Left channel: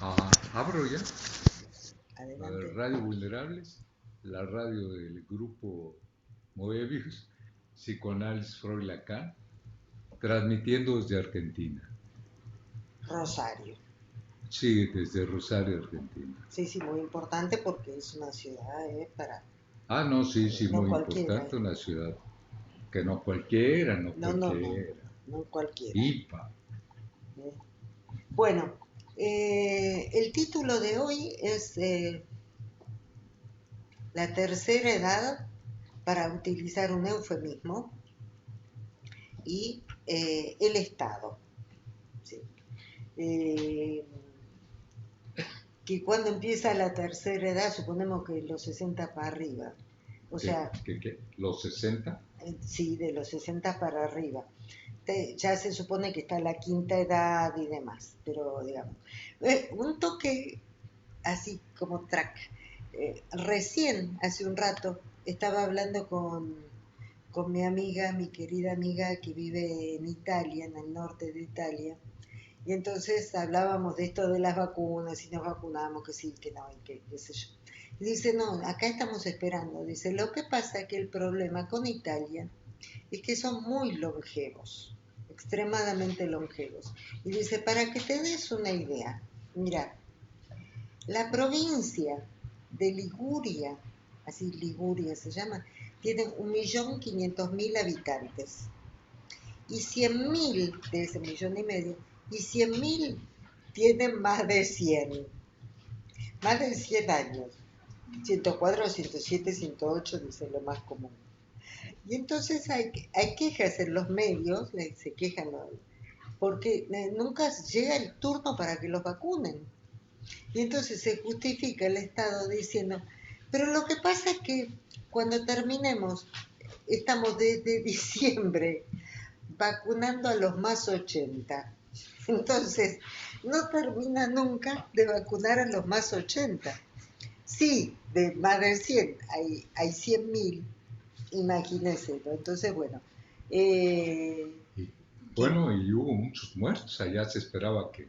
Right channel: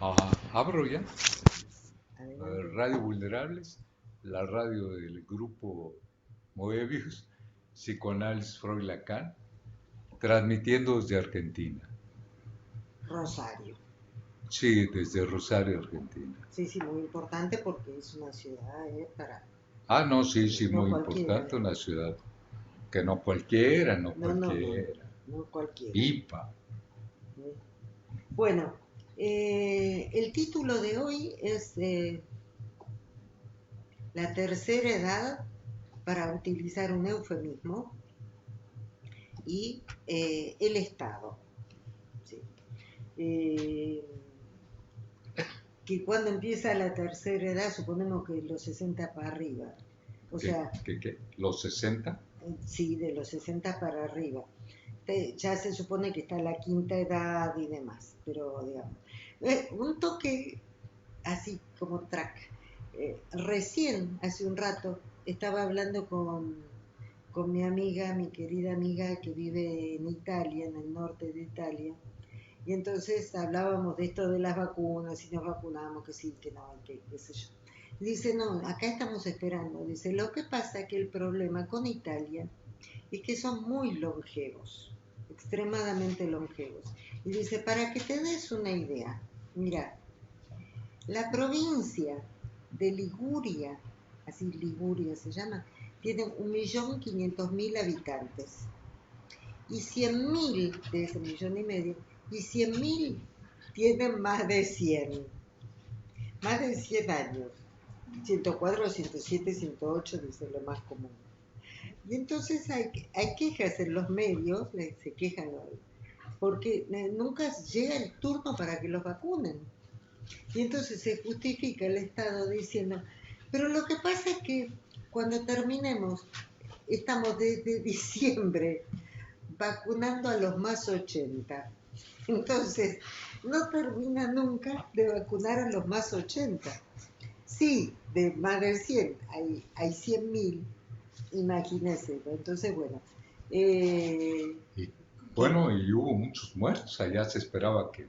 Abro ya. Adelante. Radio Vulnerables, la radio del grupo Moebius, Psicoanálisis Freud Lacan, transmitiendo desde Argentina. Rosario. Sí, desde Rosario, Argentina. Sí, sí, muy importante porque es una ciudad para... No, sí, sí, no muy cualquiera, importante, una ciudad que no cualquiera, no No, no, no, no, cualquiera. no cualquiera. IPA. ¿Eh? Bueno, el título de hoy es La tercera edad, para utilizar un eufemismo, y el Estado. ¿Sí? Eh, que cuando empieza la tercera edad, suponemos que los 60 para arriba, o sea, ¿Qué? ¿Los 60? Sí, de los 60 para arriba. Ya se supone que está la quinta edad y demás, pero digamos, un toque así como track. Recién, hace un rato, estaba hablando con mi amiga, mi querida amiga que vive en Italia, en el norte de Italia, y entonces hablábamos de esto de las vacunas, y nos vacunamos, que sí, que no, y que qué sé yo. Y dice, no, acá estamos esperando. Dice, lo que pasa es que el problema con Italia es que son muy longevos, extremadamente longevos. Y dice, para que te des una idea, mira, la provincia de Liguria, así Liguria se llama, tiene 1.500.000 habitantes y 100.000 de ese millón y medio, y 100.000 tienen más de 100 años. 104, 107, 108 dice lo más común. Y entonces hay quejas en los medios, se quejan porque nunca llega el turno para que los vacunen. Y entonces se justifica el Estado diciendo, pero lo que pasa es que cuando terminemos, estamos desde diciembre vacunando a los más 80. Entonces, no termina nunca de vacunar a los más 80. Sí, de más de 100, hay 100.000, imagínense. Entonces, bueno, eh, Y que, bueno, y hubo muchos muertos. Allá se esperaba que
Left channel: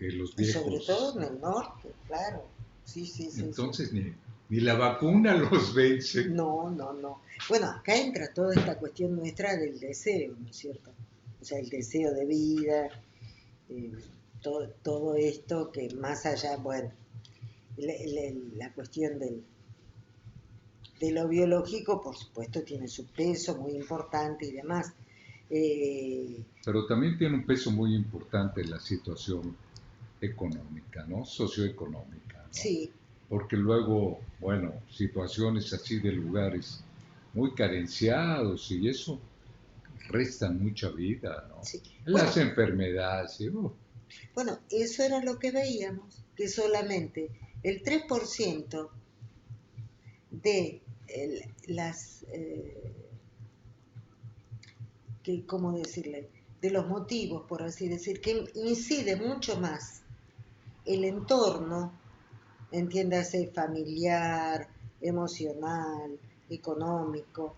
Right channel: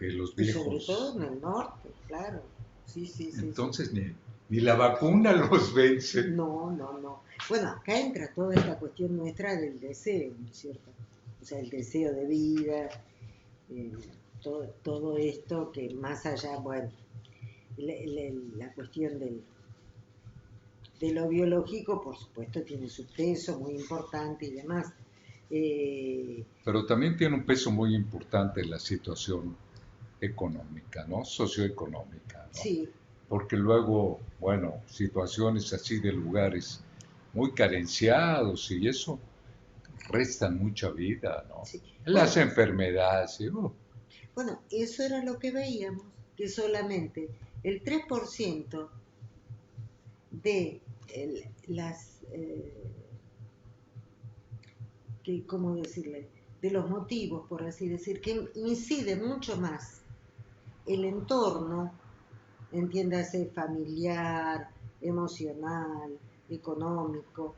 los y sobre viejos. todo en el norte, claro. Sí, sí, sí, sí. Entonces ni la vacuna los vence. No, no, no. Bueno, acá entra toda esta cuestión nuestra del deseo, ¿no es cierto? O sea, el deseo de vida, eh, todo esto que más allá, bueno, la cuestión de lo biológico, por supuesto, tiene su peso muy importante y demás. Eh, Pero también tiene un peso muy importante la situación económica, ¿no? Socioeconómica, ¿no? sí, Porque luego, bueno, situaciones así de lugares muy carenciados y eso restan mucha vida, ¿no? sí. Las Bueno, enfermedades, ¿sí? bueno, eso era lo que veíamos, que solamente el 3% de las que, ¿cómo decirle?, de los motivos, por así decir, que incide mucho más el entorno, entiéndase familiar, emocional, económico,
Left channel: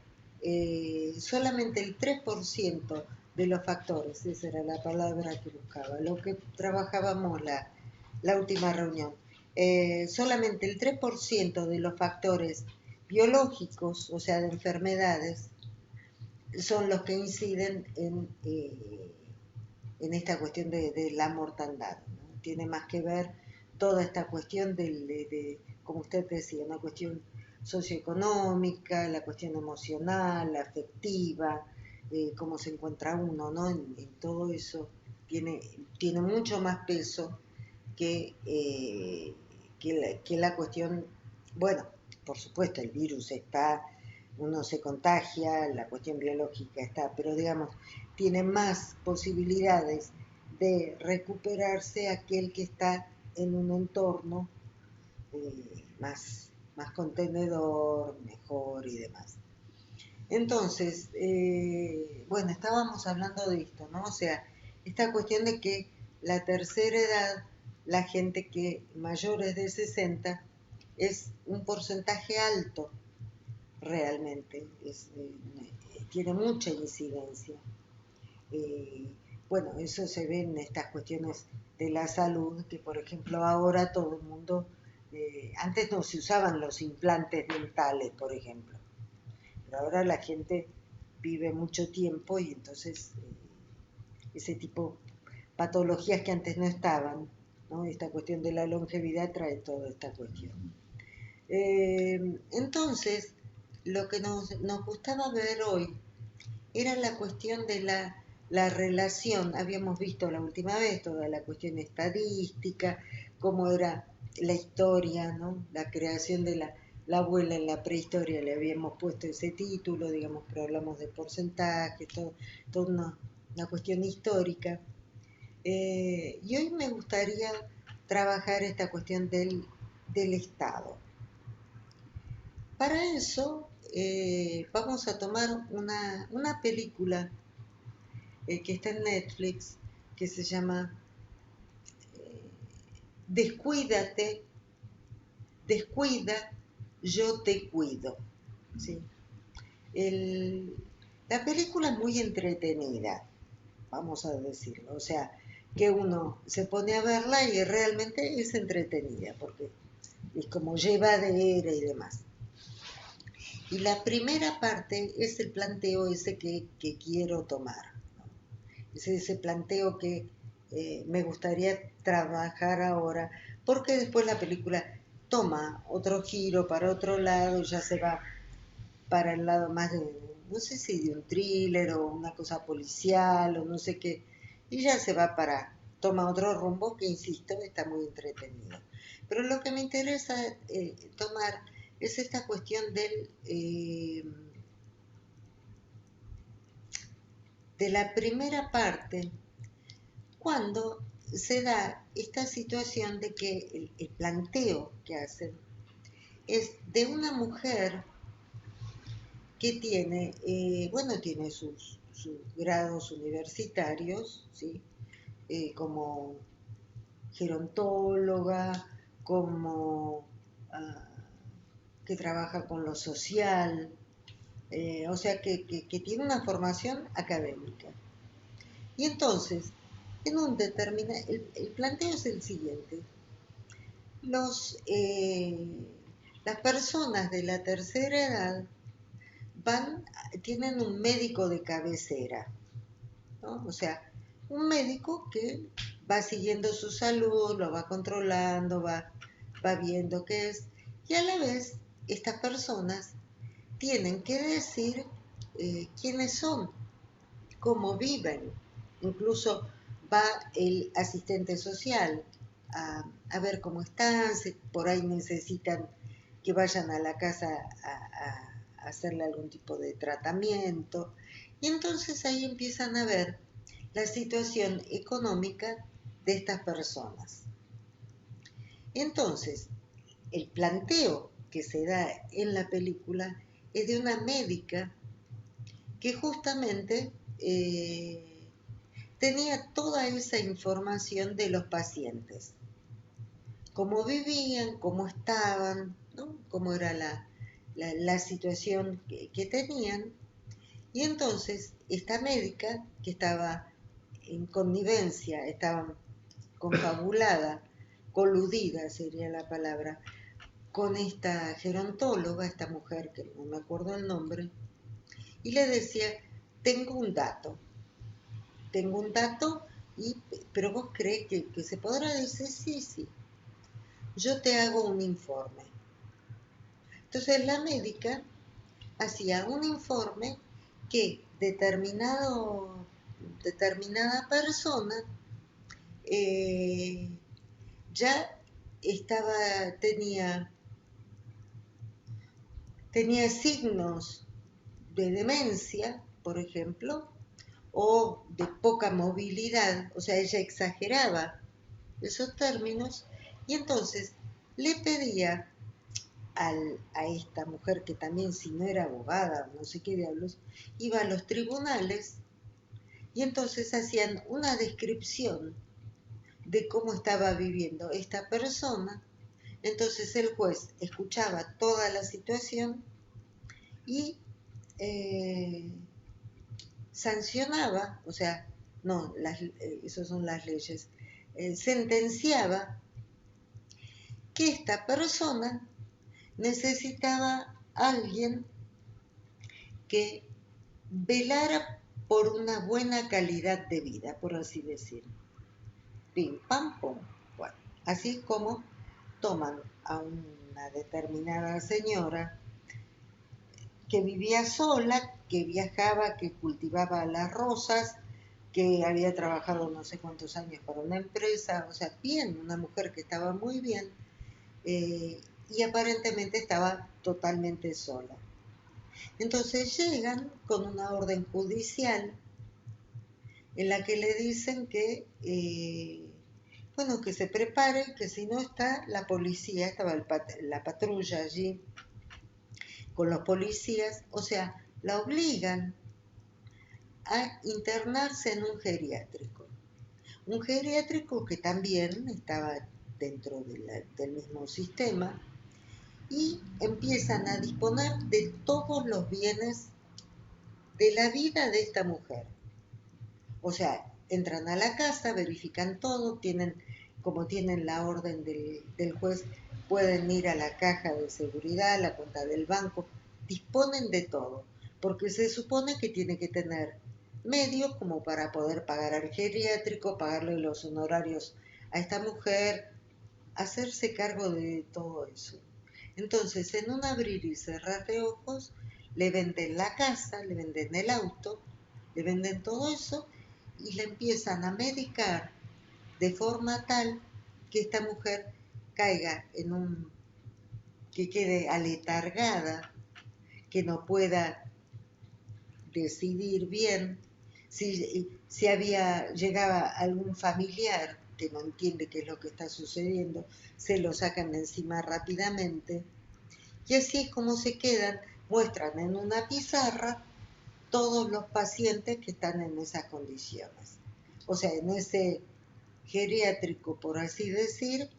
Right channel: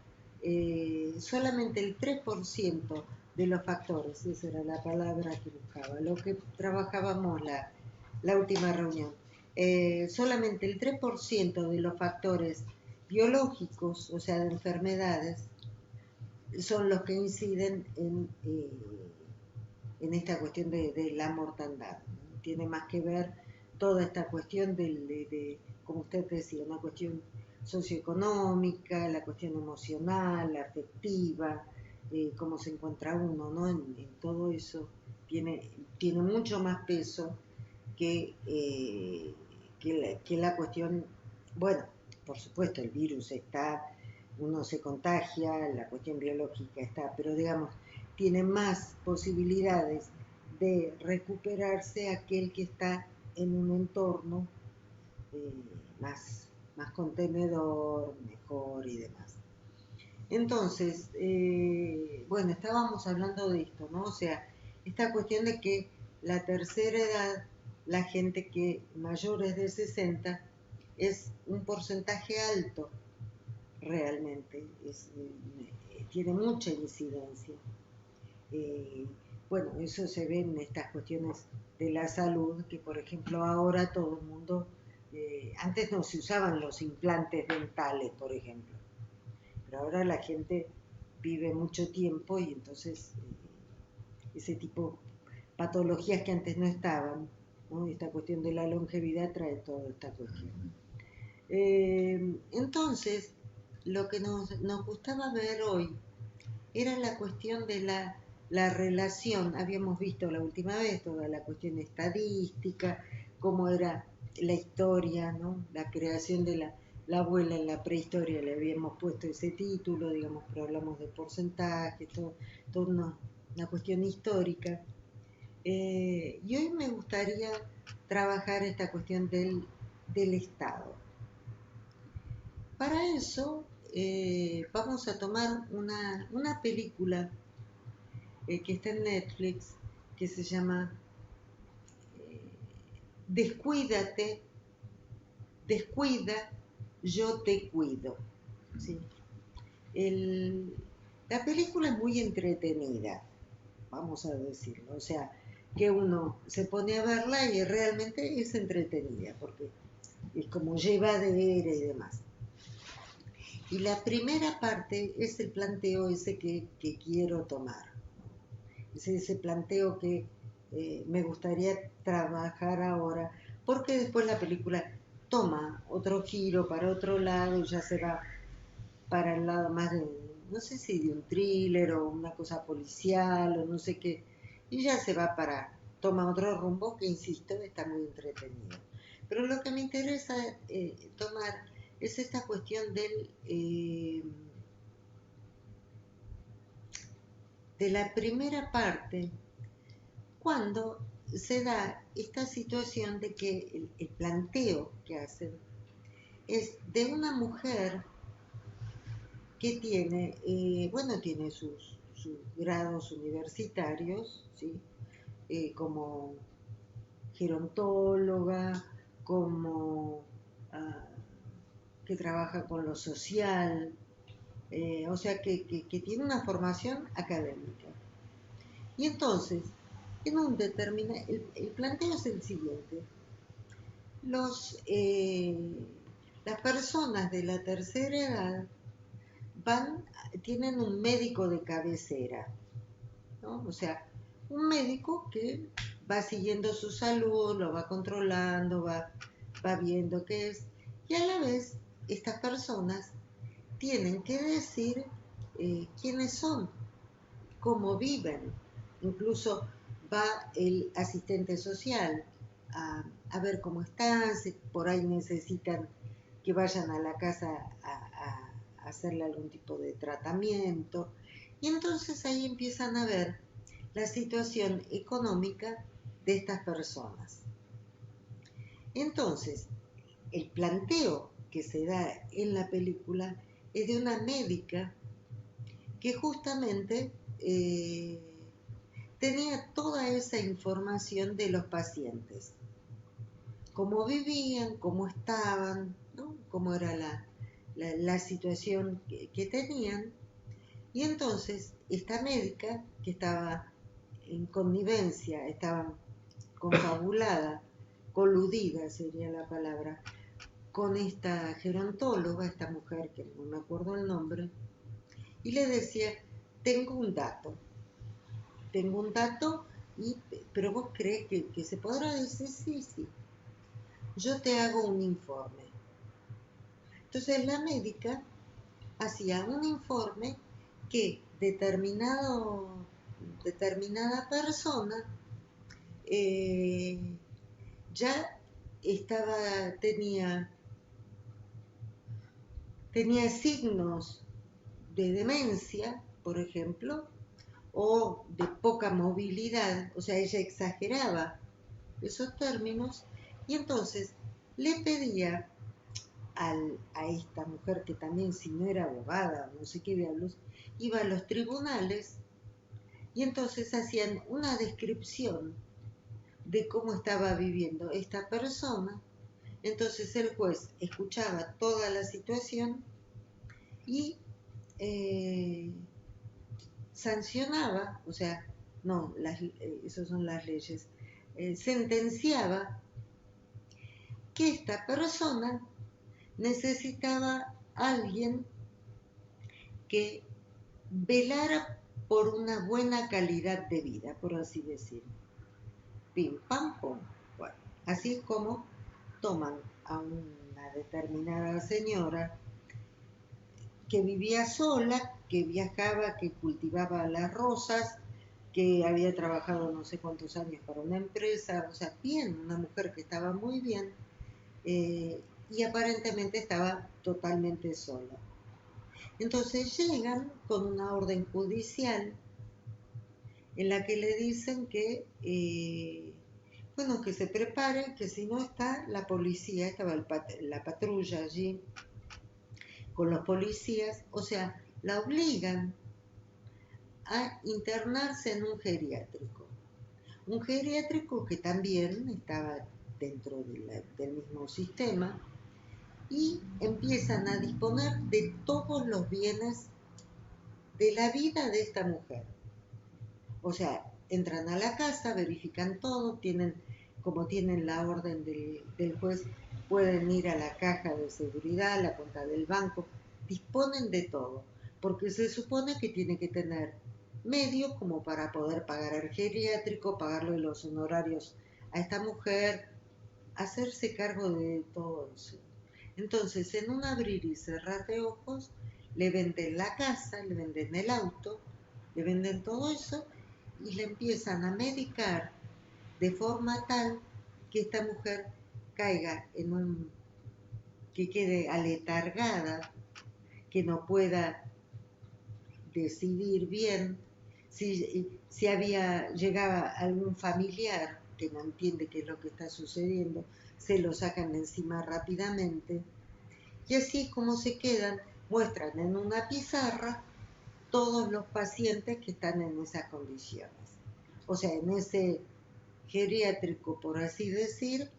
solamente el 3% de los factores, esa era la palabra que buscaba, lo que trabajábamos la última reunión, solamente el 3% de los factores biológicos, o sea, de enfermedades, son los que inciden en esta cuestión de la mortandad, ¿no? Tiene más que ver toda esta cuestión como usted decía, una cuestión socioeconómica, la cuestión emocional, la afectiva, cómo se encuentra uno, ¿no? En todo eso tiene, tiene mucho más peso que la cuestión, bueno, por supuesto, el virus está, uno se contagia, la cuestión biológica está, pero digamos, tiene más posibilidades de recuperarse aquel que está en un entorno más contenedor, mejor y demás. Entonces, bueno, estábamos hablando de esto, ¿no? O sea, esta cuestión de que la tercera edad, la gente que mayores de 60 es un porcentaje alto realmente, tiene mucha incidencia. Eh, bueno, eso se ve en estas cuestiones de la salud, que por ejemplo ahora todo el mundo, antes no se usaban los implantes dentales, por ejemplo, pero ahora la gente vive mucho tiempo y entonces ese tipo de patologías que antes no estaban, ¿no? Esta cuestión de la longevidad trae toda esta cuestión. Entonces, lo que nos gustaba ver hoy era la cuestión de la relación. Habíamos visto la última vez toda la cuestión estadística, cómo era la historia, ¿no? La creación de la abuela en la prehistoria, le habíamos puesto ese título, digamos, pero hablamos de porcentaje, toda una cuestión histórica. Y hoy me gustaría trabajar esta cuestión del Estado. Para eso vamos a tomar una película que está en Netflix, que se llama Descuídate, descuida, yo te cuido. ¿Sí? La película es muy entretenida, vamos a decirlo, o sea, que uno se pone a verla y realmente es entretenida, porque es como llevadera y demás. Y la primera parte es el planteo ese que quiero tomar. Es ese planteo que me gustaría trabajar ahora, porque después la película toma otro giro para otro lado y ya se va para el lado más de, no sé si de un thriller o una cosa policial o no sé qué, y ya se va toma otro rumbo que, insisto, está muy entretenido. Pero lo que me interesa tomar es esta cuestión de la primera parte, cuando se da esta situación de que el planteo que hacen es de una mujer que tiene, bueno, tiene sus grados universitarios, ¿sí? Como gerontóloga, como que trabaja con lo social, o sea que tiene una formación académica. Y entonces, en un determinado, el planteo es el siguiente: los, las personas de la tercera edad tienen un médico de cabecera, ¿no? O sea, un médico que va siguiendo su salud, lo va controlando, va viendo qué es, y a la vez estas personas tienen que decir quiénes son, cómo viven. Incluso va el asistente social a ver cómo están, si por ahí necesitan que vayan a la casa a hacerle algún tipo de tratamiento. Y entonces ahí empiezan a ver la situación económica de estas personas. Entonces, el planteo que se da en la película es de una médica que justamente tenía toda esa información de los pacientes, cómo vivían, cómo estaban, ¿no? Cómo era la situación que tenían. Y entonces esta médica, que estaba en connivencia, estaba confabulada, coludida sería la palabra, con esta gerontóloga, esta mujer que no me acuerdo el nombre, y le decía: tengo un dato, pero vos crees que se podrá decir. Sí, sí, yo te hago un informe. Entonces la médica hacía un informe que determinada persona ya tenía signos de demencia, por ejemplo, o de poca movilidad, o sea, ella exageraba esos términos, y entonces le pedía a esta mujer, que también, si no era abogada, no sé qué diablos, iba a los tribunales y entonces hacían una descripción de cómo estaba viviendo esta persona. Entonces el juez escuchaba toda la situación y sancionaba, o sea, no, esas son las leyes, sentenciaba que esta persona necesitaba a alguien que velara por una buena calidad de vida, por así decirlo. Pim, pam, pum. Bueno, así es como toman a una determinada señora que vivía sola, que viajaba, que cultivaba las rosas, que había trabajado no sé cuántos años para una empresa, o sea, bien, una mujer que estaba muy bien, y aparentemente estaba totalmente sola. Entonces llegan con una orden judicial en la que le dicen que, bueno, que se prepare, que si no está la policía, estaba la patrulla allí con los policías, o sea, la obligan a internarse en un geriátrico que también estaba dentro del mismo sistema, y empiezan a disponer de todos los bienes de la vida de esta mujer. O sea, entran a la casa, verifican todo, como tienen la orden del juez, pueden ir a la caja de seguridad, a la cuenta del banco, disponen de todo, porque se supone que tiene que tener medios como para poder pagar al geriátrico, pagarle los honorarios a esta mujer, hacerse cargo de todo eso. Entonces, en un abrir y cerrar de ojos, le venden la casa, le venden el auto, le venden todo eso y le empiezan a medicar de forma tal que esta mujer caiga que quede aletargada, que no pueda decidir bien, llegaba algún familiar que no entiende qué es lo que está sucediendo, se lo sacan de encima rápidamente, y así es como se quedan, muestran en una pizarra todos los pacientes que están en esas condiciones. O sea, en ese geriátrico, por así decir,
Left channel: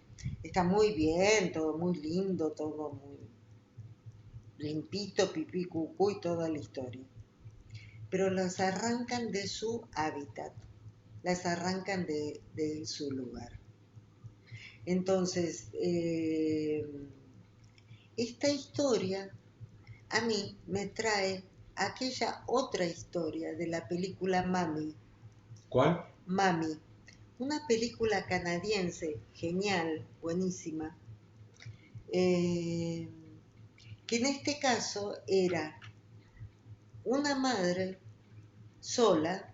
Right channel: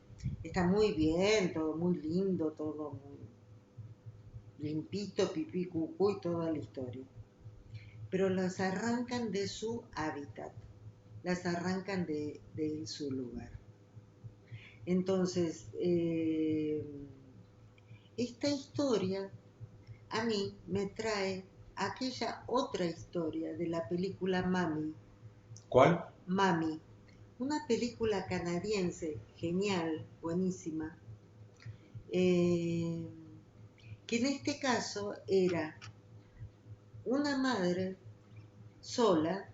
está muy bien, todo muy lindo, todo muy limpito, pipí, cucú y toda la historia. Pero las arrancan de su hábitat, las arrancan de su lugar. Entonces, esta historia a mí me trae aquella otra historia de la película Mami. ¿Cuál? Mami, una película canadiense, genial, buenísima, eh, que en este caso era una madre sola,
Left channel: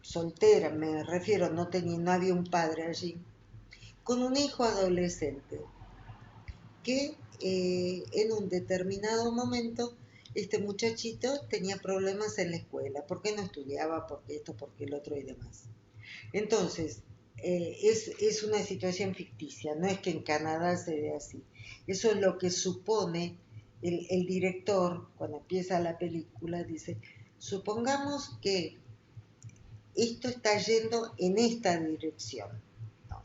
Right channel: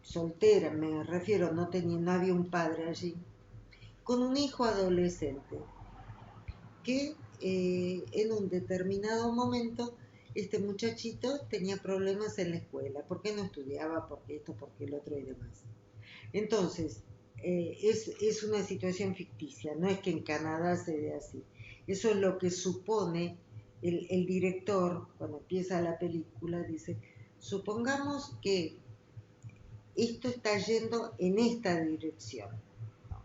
soltera me refiero, no había un padre allí, con un hijo adolescente, que en un determinado momento este muchachito tenía problemas en la escuela, porque no estudiaba, porque esto, porque el otro y demás. Entonces, es una situación ficticia, no es que en Canadá se dé así. Eso es lo que supone el director cuando empieza la película, dice, supongamos que esto está yendo en esta dirección, ¿no?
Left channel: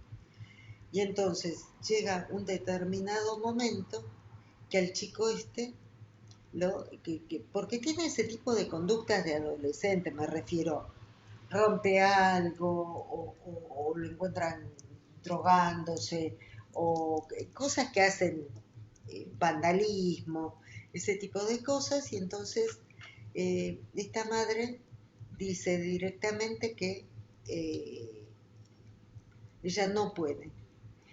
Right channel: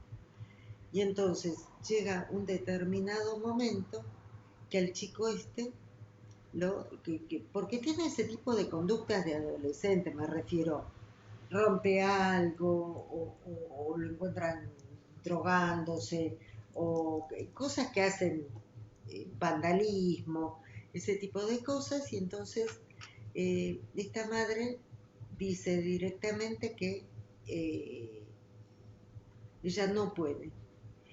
Y entonces llega un determinado momento que al chico porque tiene ese tipo de conductas de adolescente, me refiero, rompe algo o lo encuentran drogándose o cosas que hacen vandalismo, ese tipo de cosas, y entonces esta madre dice directamente que eh, ella no puede.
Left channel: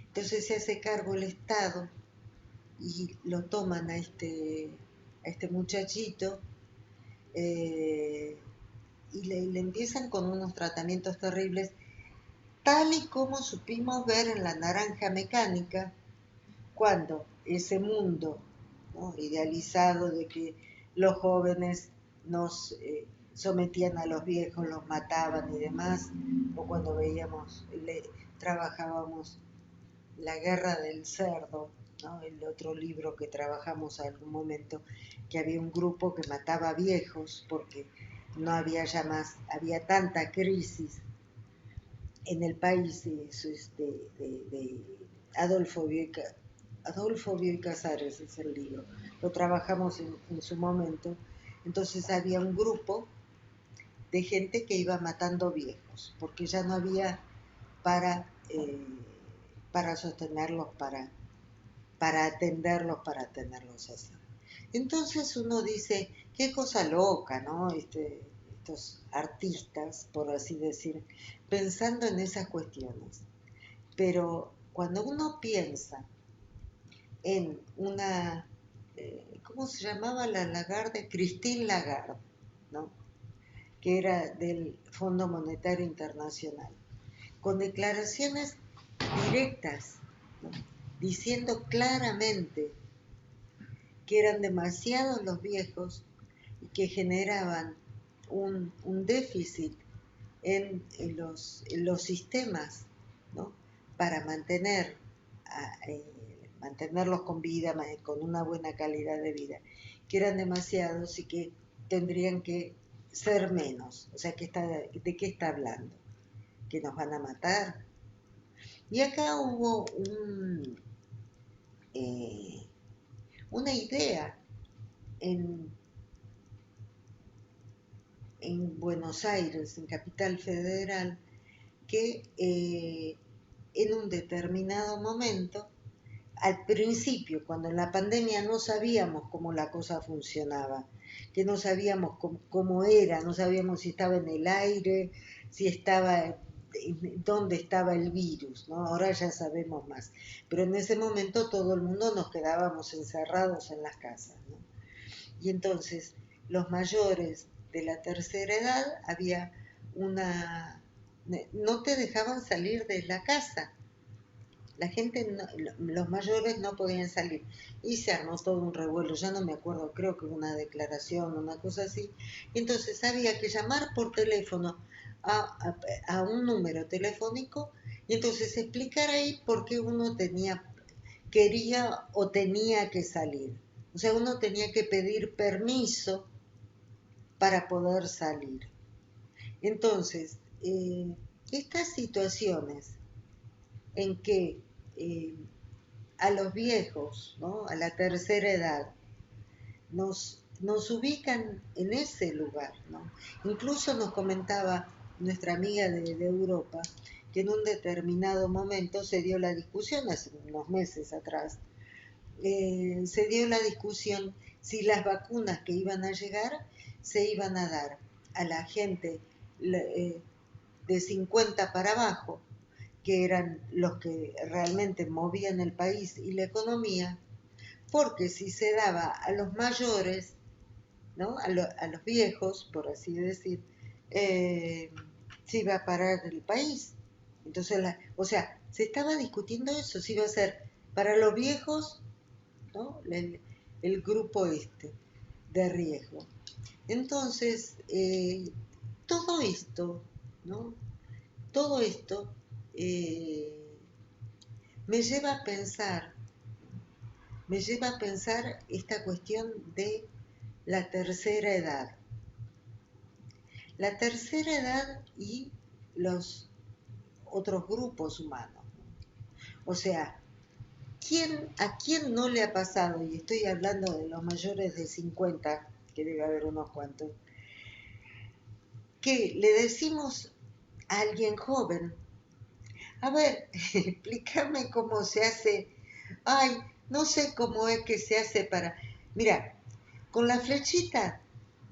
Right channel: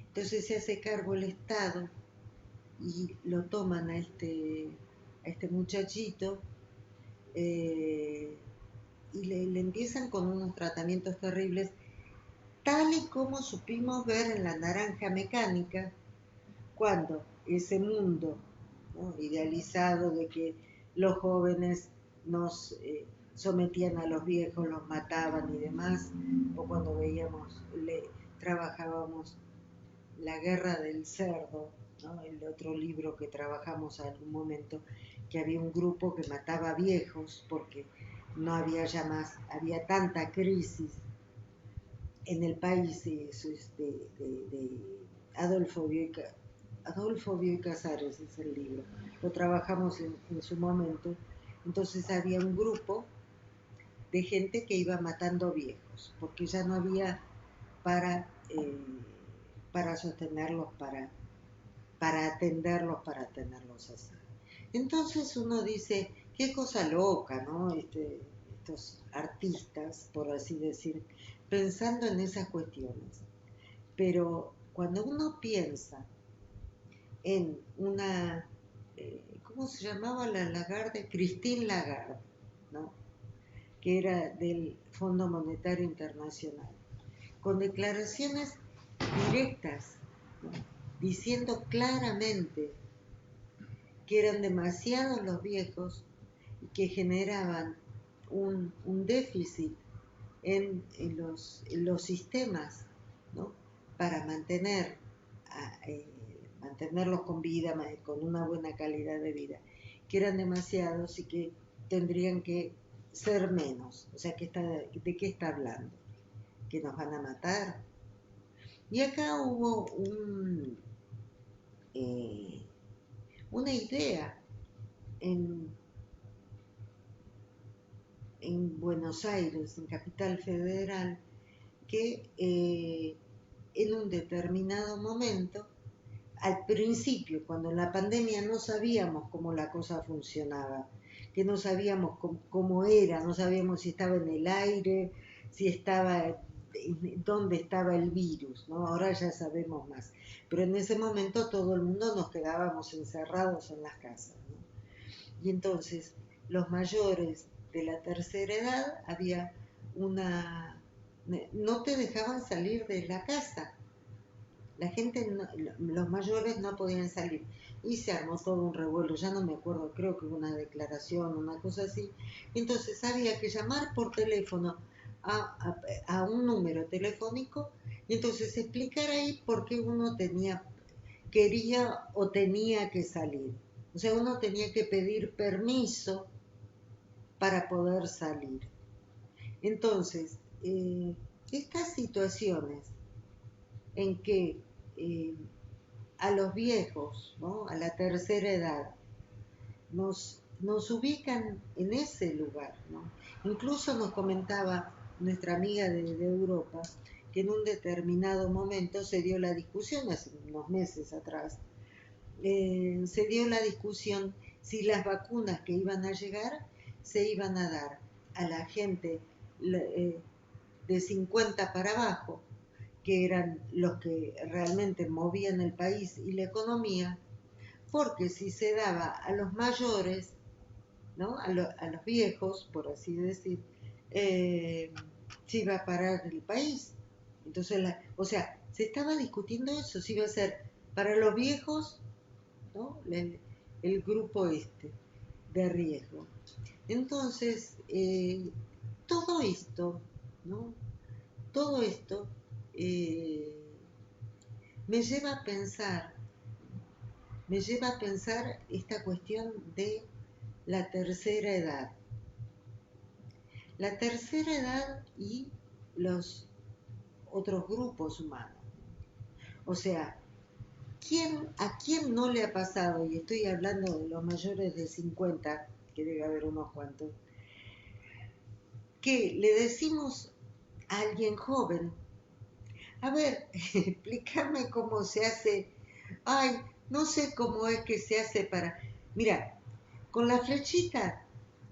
Entonces se hace cargo el Estado y lo toman a este muchachito, eh, y le empiezan con unos tratamientos terribles, tal y como supimos ver en La Naranja Mecánica, cuando ese mundo, ¿no?, idealizado de que los jóvenes nos sometían a los viejos, los mataban y demás, o cuando trabajábamos La Guerra del Cerdo, ¿no?, el otro libro que trabajamos algún momento, que había un grupo que mataba viejos porque no había ya más, había tanta crisis en el país, eso es de Adolfo Bioy, Adolfo Bioy Casares es el libro, lo trabajamos en su momento. Entonces había un grupo de gente que iba matando viejos, porque ya no había para, para sostenerlos, para atenderlos, para tenerlos así. Entonces uno dice, qué cosa loca, ¿no? Estos artistas, por así decir, pensando en esas cuestiones. Pero cuando uno piensa en una, ¿cómo se llamaba la Lagarde? Christine Lagarde, ¿no? Que era del Fondo Monetario Internacional, con declaraciones directas, ¿no? Diciendo claramente que eran demasiados los viejos y que generaban un déficit en los sistemas, ¿no? Para mantenerlos con vida, con una buena calidad de vida, que eran demasiados y que tendrían que ser menos. O sea, ¿de qué está hablando? ¿Que nos van a matar? Y acá hubo una idea en, en Buenos Aires, en Capital Federal, que en un determinado momento, al principio, cuando en la pandemia no sabíamos cómo la cosa funcionaba, que no sabíamos cómo era, no sabíamos si estaba en el aire, si estaba, dónde estaba el virus, ¿no? Ahora ya sabemos más. Pero en ese momento todo el mundo nos quedábamos encerrados en las casas, ¿no? Y entonces los mayores de la tercera edad había no te dejaban salir de la casa. La gente, los mayores no podían salir. Y se armó todo un revuelo, ya no me acuerdo, creo que una declaración, una cosa así. Entonces había que llamar por teléfono a un número telefónico y entonces explicar ahí por qué uno quería o tenía que salir. O sea, uno tenía que pedir permiso para poder salir. Entonces, estas situaciones en que a los viejos, ¿no? A la tercera edad, nos ubican en ese lugar, ¿no? Incluso nos comentaba nuestra amiga de Europa que en un determinado momento se dio la discusión, hace unos meses atrás, se dio la discusión si las vacunas que iban a llegar se iban a dar a la gente de 50 para abajo, que eran los que realmente movían el país y la economía, porque si se daba a los mayores, ¿no? A los viejos, por así decir, se iba a parar el país. Entonces, o sea, se estaba discutiendo eso, si iba a ser para los viejos, ¿no? El grupo de riesgo. Entonces, todo esto, ¿no? Todo esto me lleva a pensar esta cuestión de la tercera edad. La tercera edad y los otros grupos humanos. O sea, ¿a quién no le ha pasado? Y estoy hablando de los mayores de 50, que debe haber unos cuantos, que le decimos a alguien joven, a ver, explícame cómo se hace. Ay, no sé cómo es que se hace para... Mira, con la flechita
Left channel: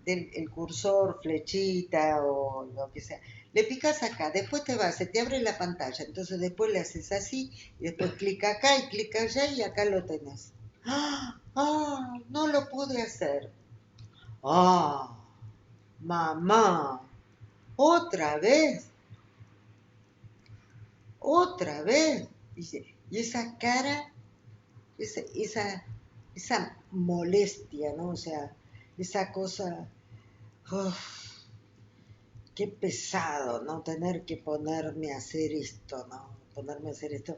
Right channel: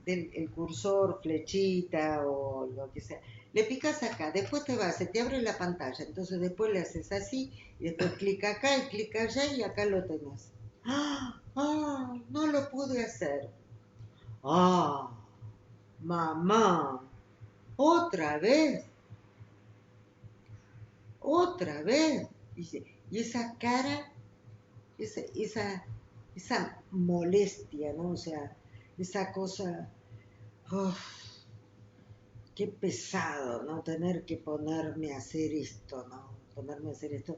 del cursor, flechita o lo que sea, le picas acá, después se te abre la pantalla, entonces después le haces así, y después clica acá y clica allá y acá lo tenés. ¡Ah! No lo pude hacer. ¡Ah! Mamá, otra vez. Otra vez. Dice, y esa cara, esa molestia, ¿no? O sea, esa cosa, uf, qué pesado, ¿no? Tener que ponerme a hacer esto, ¿no? Ponerme a hacer esto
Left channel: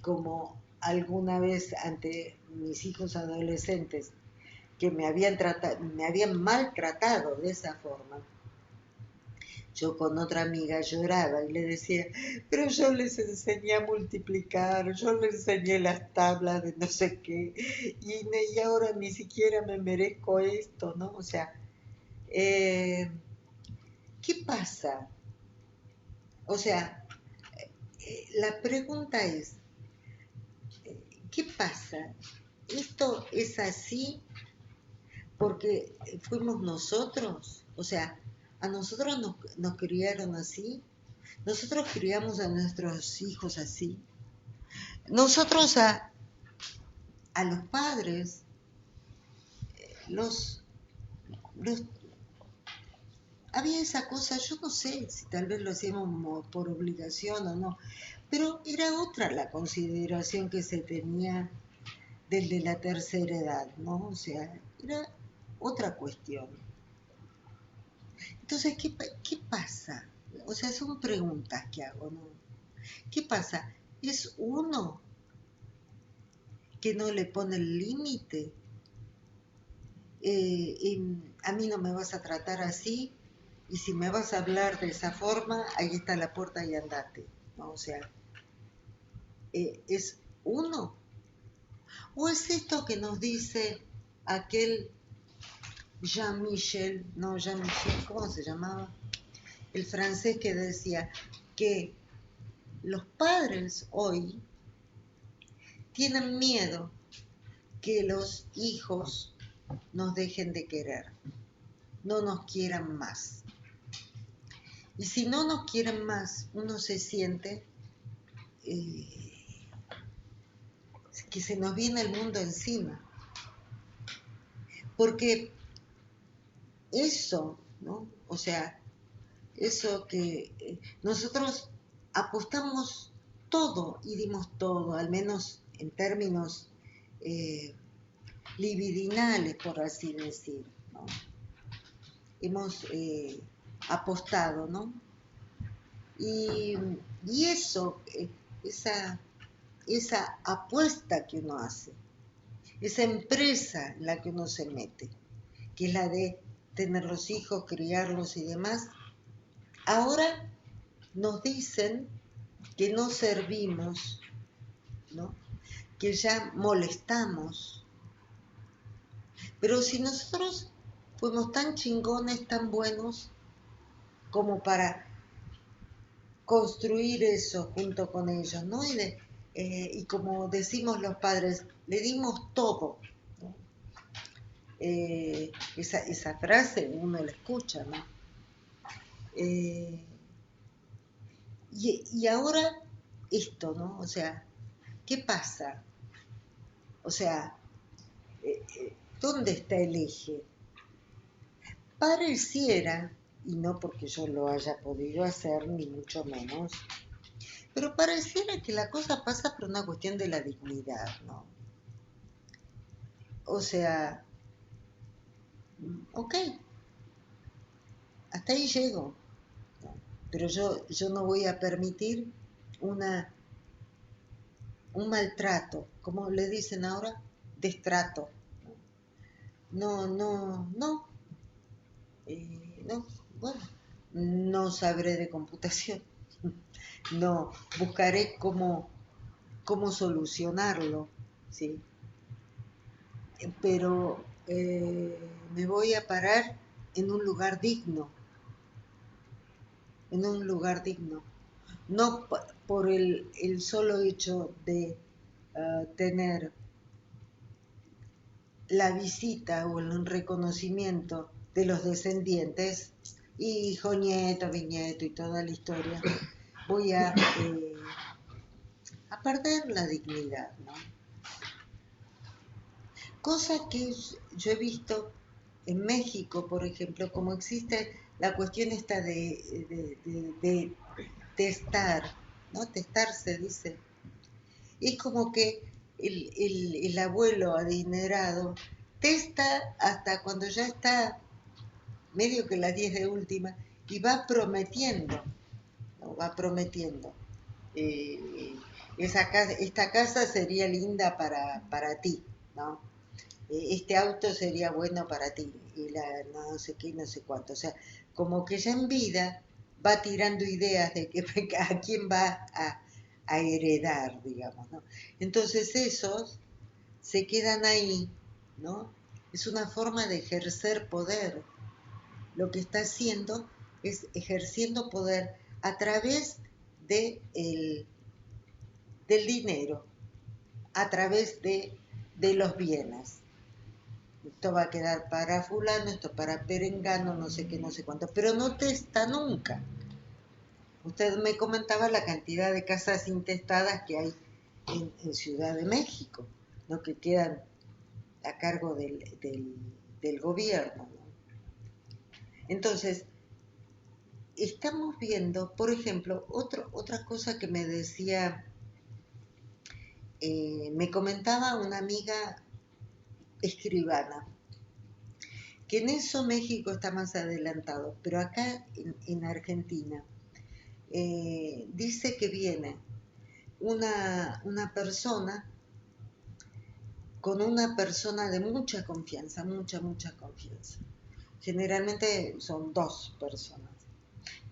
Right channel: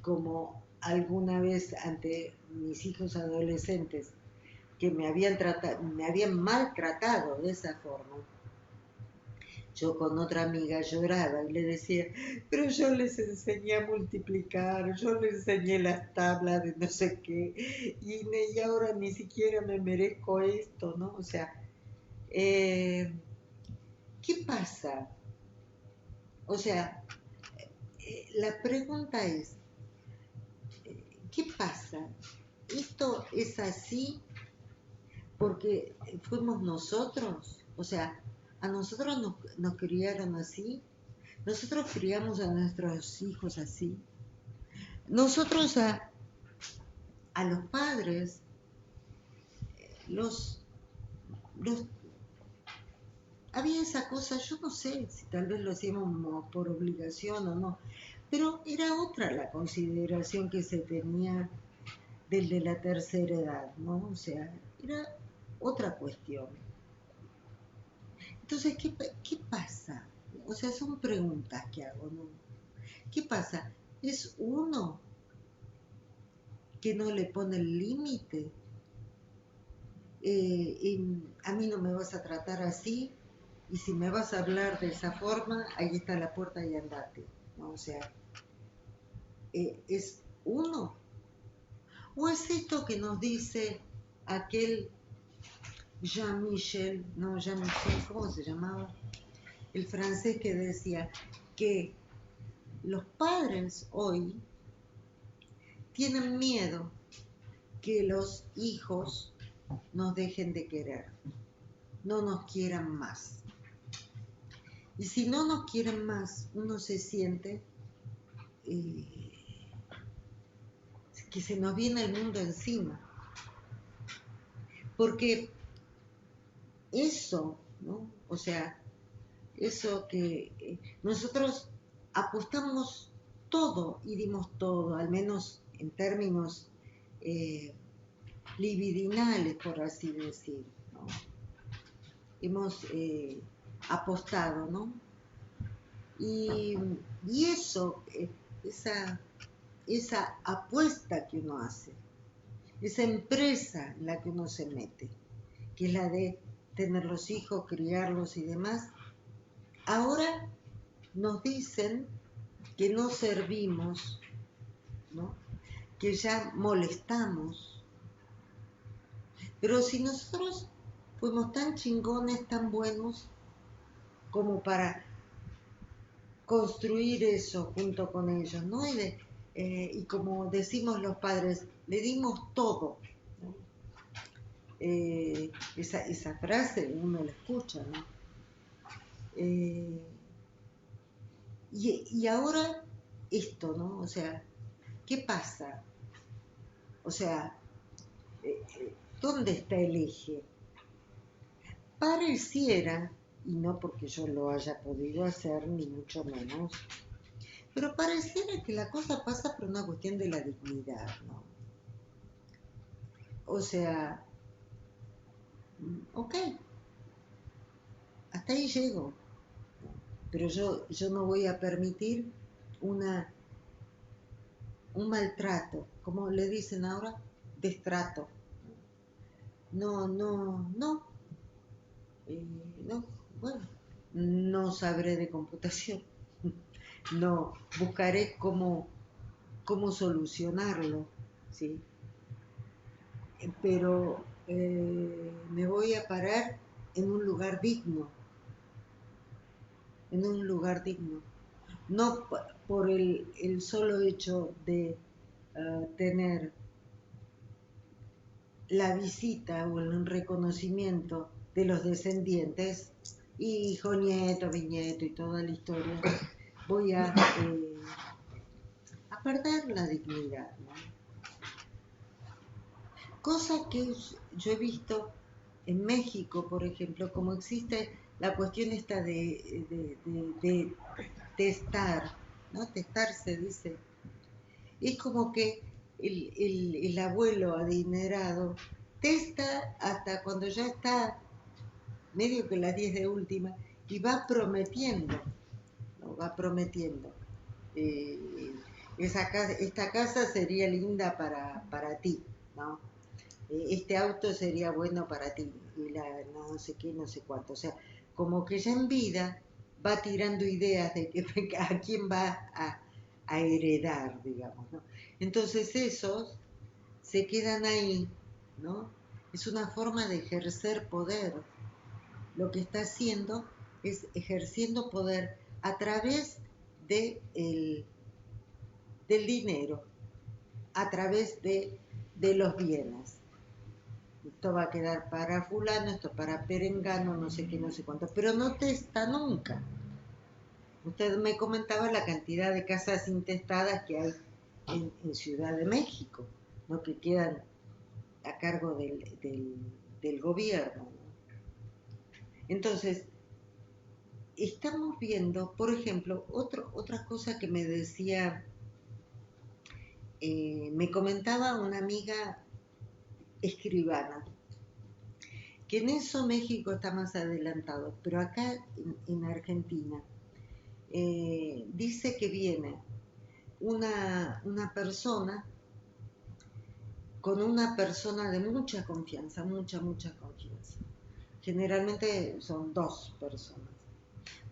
como alguna vez ante mis hijos adolescentes que me habían maltratado de esa forma. Yo con otra amiga lloraba y le decía, pero yo les enseñé a multiplicar, yo les enseñé las tablas de no sé qué, y ahora ni siquiera me merezco esto, ¿no? O sea, qué ¿qué pasa? O sea, la pregunta es, ¿qué pasa? ¿Esto es así porque fuimos nosotros? O sea, a nosotros nos criaron así, nosotros criamos a nuestros hijos así, nosotros a los padres los, los había esa cosa, yo no sé si tal vez lo hacíamos por obligación o no, pero era otra la consideración que se tenía del de la tercera edad, ¿no? O sea, era otra cuestión. Entonces, ¿qué pasa? O sea, son preguntas que hago, ¿no? ¿Qué pasa? ¿Es uno que no le pone el límite? A mí no me vas a tratar así, y si me vas a hablar de esa forma, ahí está la puerta y andate, ¿no? O sea, ¿es uno? ¿O es esto que nos dice aquel Jean-Michel, no, Jean-Michel, ¿cómo se llamaba? El francés que decía que los padres hoy tienen miedo que los hijos nos dejen de querer, no nos quieran más. Y si no nos quieren más, uno se siente que se nos viene el mundo encima. Porque eso, ¿no? O sea, eso que nosotros apostamos todo y dimos todo, al menos en términos libidinales, por así decir, ¿no? Hemos apostado, ¿no? Y eso, esa apuesta que uno hace, esa empresa en la que uno se mete, que es la de tener los hijos, criarlos y demás, ahora nos dicen que no servimos, ¿no? Que ya molestamos. Pero si nosotros fuimos tan chingones, tan buenos, como para construir eso junto con ellos, ¿no? Y como decimos los padres, le dimos todo, ¿no? Esa frase uno la escucha, ¿no? Y ahora esto, ¿no? O sea, ¿qué pasa? O sea, ¿dónde está el eje? Pareciera, y no porque yo lo haya podido hacer, ni mucho menos, pero pareciera que la cosa pasa por una cuestión de la dignidad, ¿no? O sea, ok, hasta ahí llego, ¿no? Pero yo no voy a permitir una, un maltrato, como le dicen ahora, destrato. No, no, no, no, bueno, no sabré de computación, no, buscaré cómo solucionarlo, ¿sí? Pero me voy a parar en un lugar digno, en un lugar digno, no por el solo hecho de tener la visita o el reconocimiento de los descendientes, hijo, nieto, bisnieto y toda la historia, voy a perder la dignidad, ¿no? Cosa que yo he visto en México, por ejemplo, como existe la cuestión esta de testar, ¿no? Testar se dice. Es como que el abuelo adinerado testa hasta cuando ya está medio que las 10 de última y va prometiendo, ¿no? Va prometiendo. Eh, esta casa sería linda para ti, ¿no? Este auto sería bueno para ti, y no sé qué, no sé cuánto. O sea, como que ya en vida va tirando ideas de que, a quién va a heredar, digamos, ¿no? Entonces esos se quedan ahí, ¿no? Es una forma de ejercer poder, lo que está haciendo es ejerciendo poder a través de del dinero, a través de los bienes. Esto va a quedar para fulano, esto para perengano, no sé qué, no sé cuánto, pero no te está nunca. Usted me comentaba la cantidad de casas intestadas que hay en Ciudad de México, ¿no? Que quedan a cargo del gobierno, ¿no? Entonces, estamos viendo, por ejemplo, otra cosa que me decía, me comentaba una amiga escribana, que en eso México está más adelantado, pero acá en Argentina dice que viene una persona con una persona de mucha confianza, mucha confianza. Generalmente son dos personas,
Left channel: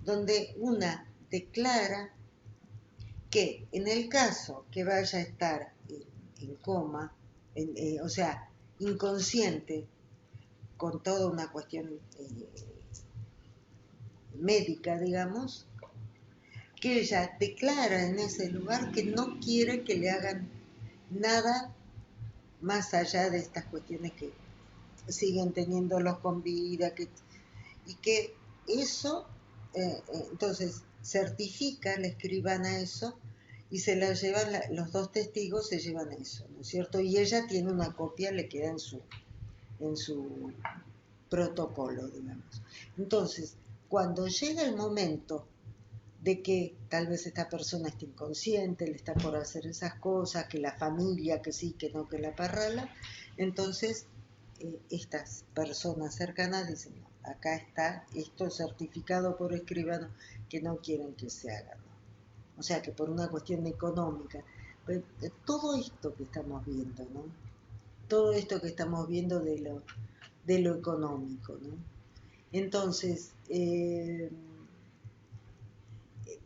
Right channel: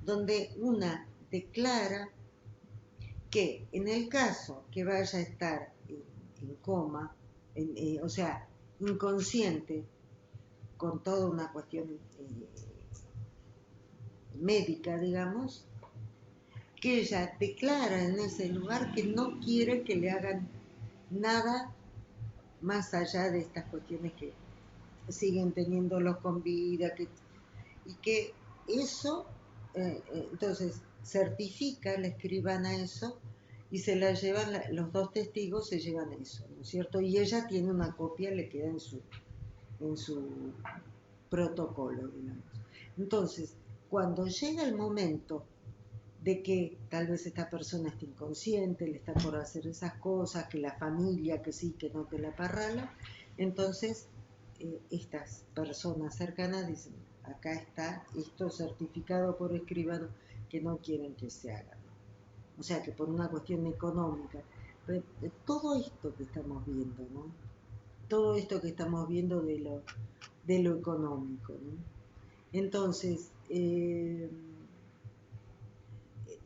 donde una declara que en el caso que vaya a estar en coma, o sea, inconsciente, con toda una cuestión médica, digamos, que ella declara en ese lugar que no quiere que le hagan nada más allá de estas cuestiones que siguen teniéndolos con vida, y que eso, entonces, certifica, le escriban a eso, y se lo llevan, los dos testigos se llevan eso, ¿no es cierto? Y ella tiene una copia, le queda en su protocolo, digamos. Entonces, cuando llega el momento de que tal vez esta persona esté inconsciente, le está por hacer esas cosas, que la familia, que sí, que no, que la parrala, entonces estas personas cercanas dicen, no, acá está esto certificado por escribano que no quieren que se haga, ¿no? O sea que por una cuestión económica, todo esto que estamos viendo, ¿no? Todo esto que estamos viendo de lo económico, ¿no? Entonces,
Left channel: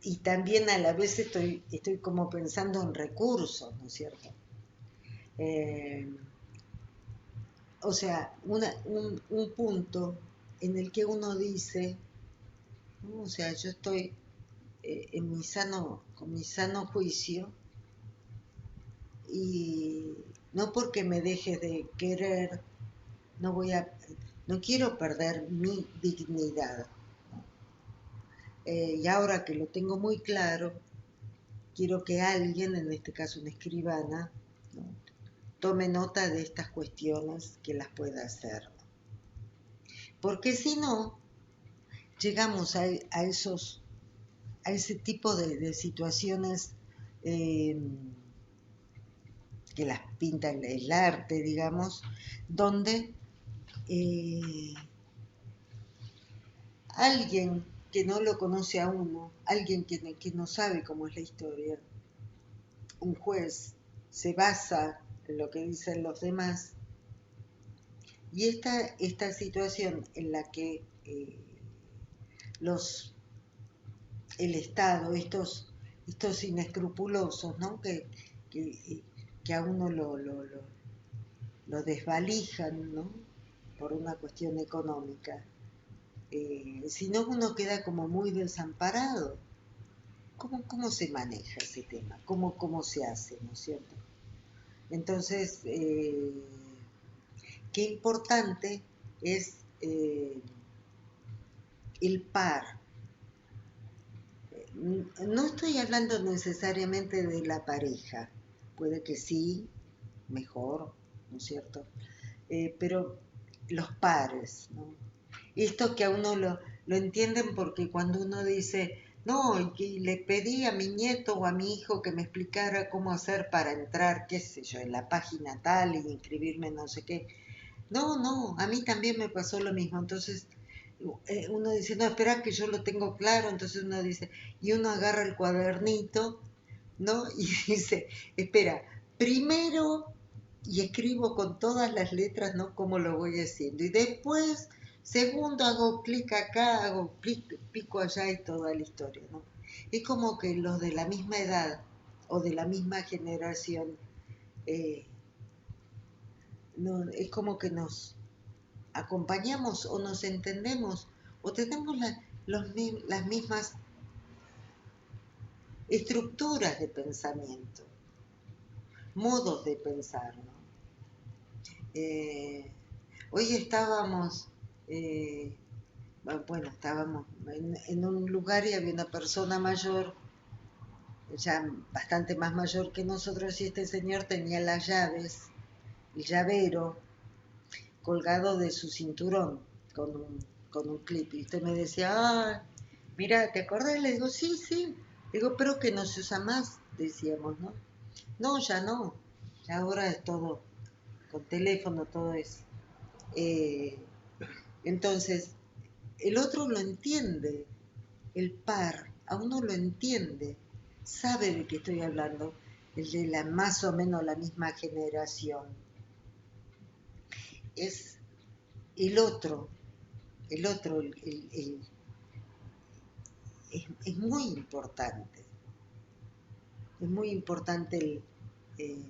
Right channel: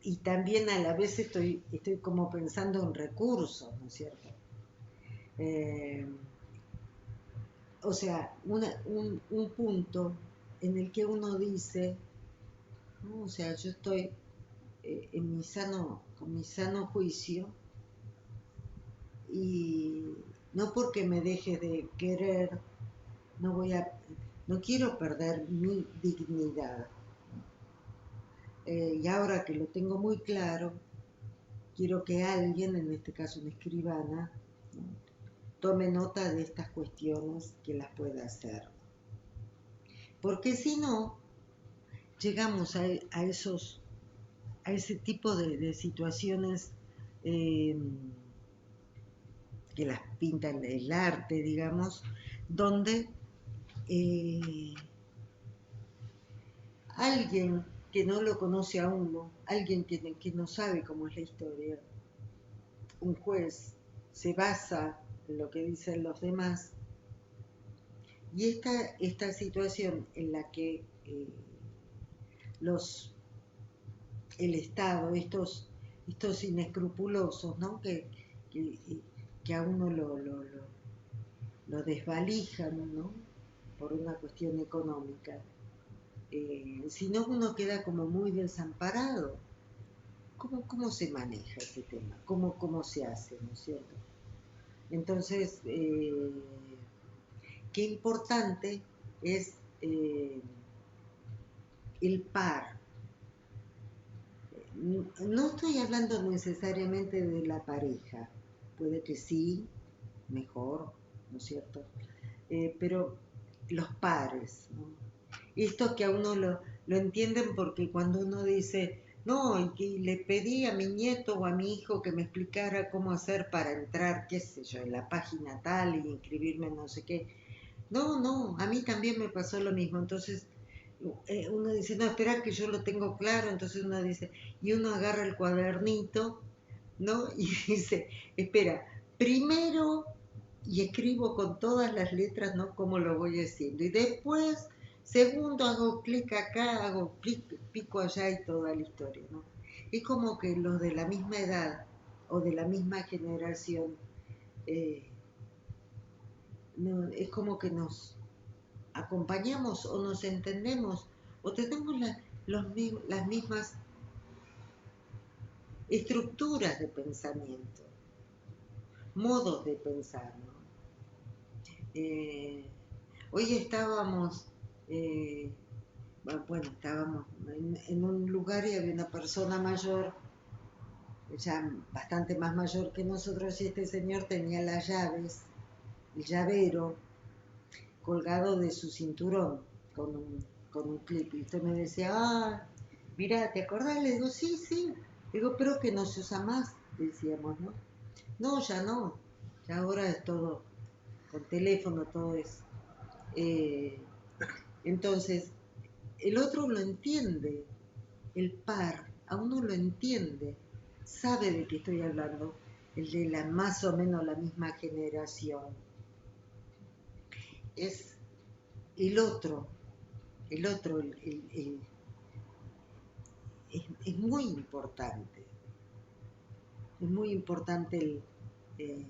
y también a la vez estoy como pensando en recursos, ¿no es cierto? Eh, o sea, un punto en el que uno dice, ¿no? O sea, yo estoy con mi sano juicio, y no porque me deje de querer, no voy a, no quiero perder mi dignidad, ¿no? Y ahora que lo tengo muy claro, quiero que alguien, en este caso una escribana, ¿no?, tome nota de estas cuestiones que las pueda hacer. Porque si no, llegamos a ese tipo de situaciones eh, que las pinta el arte, digamos, donde alguien que no lo conoce a uno, alguien que no sabe cómo es la historia, un juez se basa en lo que dicen los demás, y esta situación en la que el Estado, estos inescrupulosos, ¿no?, que a uno lo desvalijan, ¿no?, por una cuestión económica, si no uno queda como muy desamparado. ¿Cómo se maneja ese tema? ¿Cómo se hace, ¿no es cierto? Entonces, qué importante es el par. No estoy hablando necesariamente de la pareja, puede que sí, mejor, ¿no es cierto? Pero los pares, ¿no? Esto que a uno lo entienden porque cuando uno dice, no, y que le pedí a mi nieto o a mi hijo que me explicara cómo hacer para entrar, qué sé yo, en la página tal y inscribirme no sé qué. No, a mí también me pasó lo mismo. Entonces uno dice, no, espera que yo lo tengo claro. Entonces uno dice, y uno agarra el cuadernito, ¿no? Y dice, espera, primero, y escribo con todas las letras, ¿no?, cómo lo voy haciendo. Y después, segundo, hago clic acá, hago clic, pico allá y toda la historia, ¿no? Es como que los de la misma edad o de la misma generación, eh, no, es como que nos acompañamos o nos entendemos o tenemos las mismas estructuras de pensamiento, modos de pensar, ¿no? Hoy estábamos, eh, bueno, estábamos en un lugar y había una persona mayor, ya bastante más mayor que nosotros, y este señor tenía las llaves, el llavero, colgado de su cinturón con un clip. Y usted me decía, ah, mira, ¿te acordás? Le digo, sí, sí. Le digo, pero que no se usa más, decíamos, ¿no? No, ya no. Ya ahora es todo con teléfono, todo eso. Eh, entonces, el otro lo entiende, el par, a uno lo entiende, sabe de qué estoy hablando, el de la más o menos la misma generación. Es el otro, el otro, es muy importante eh,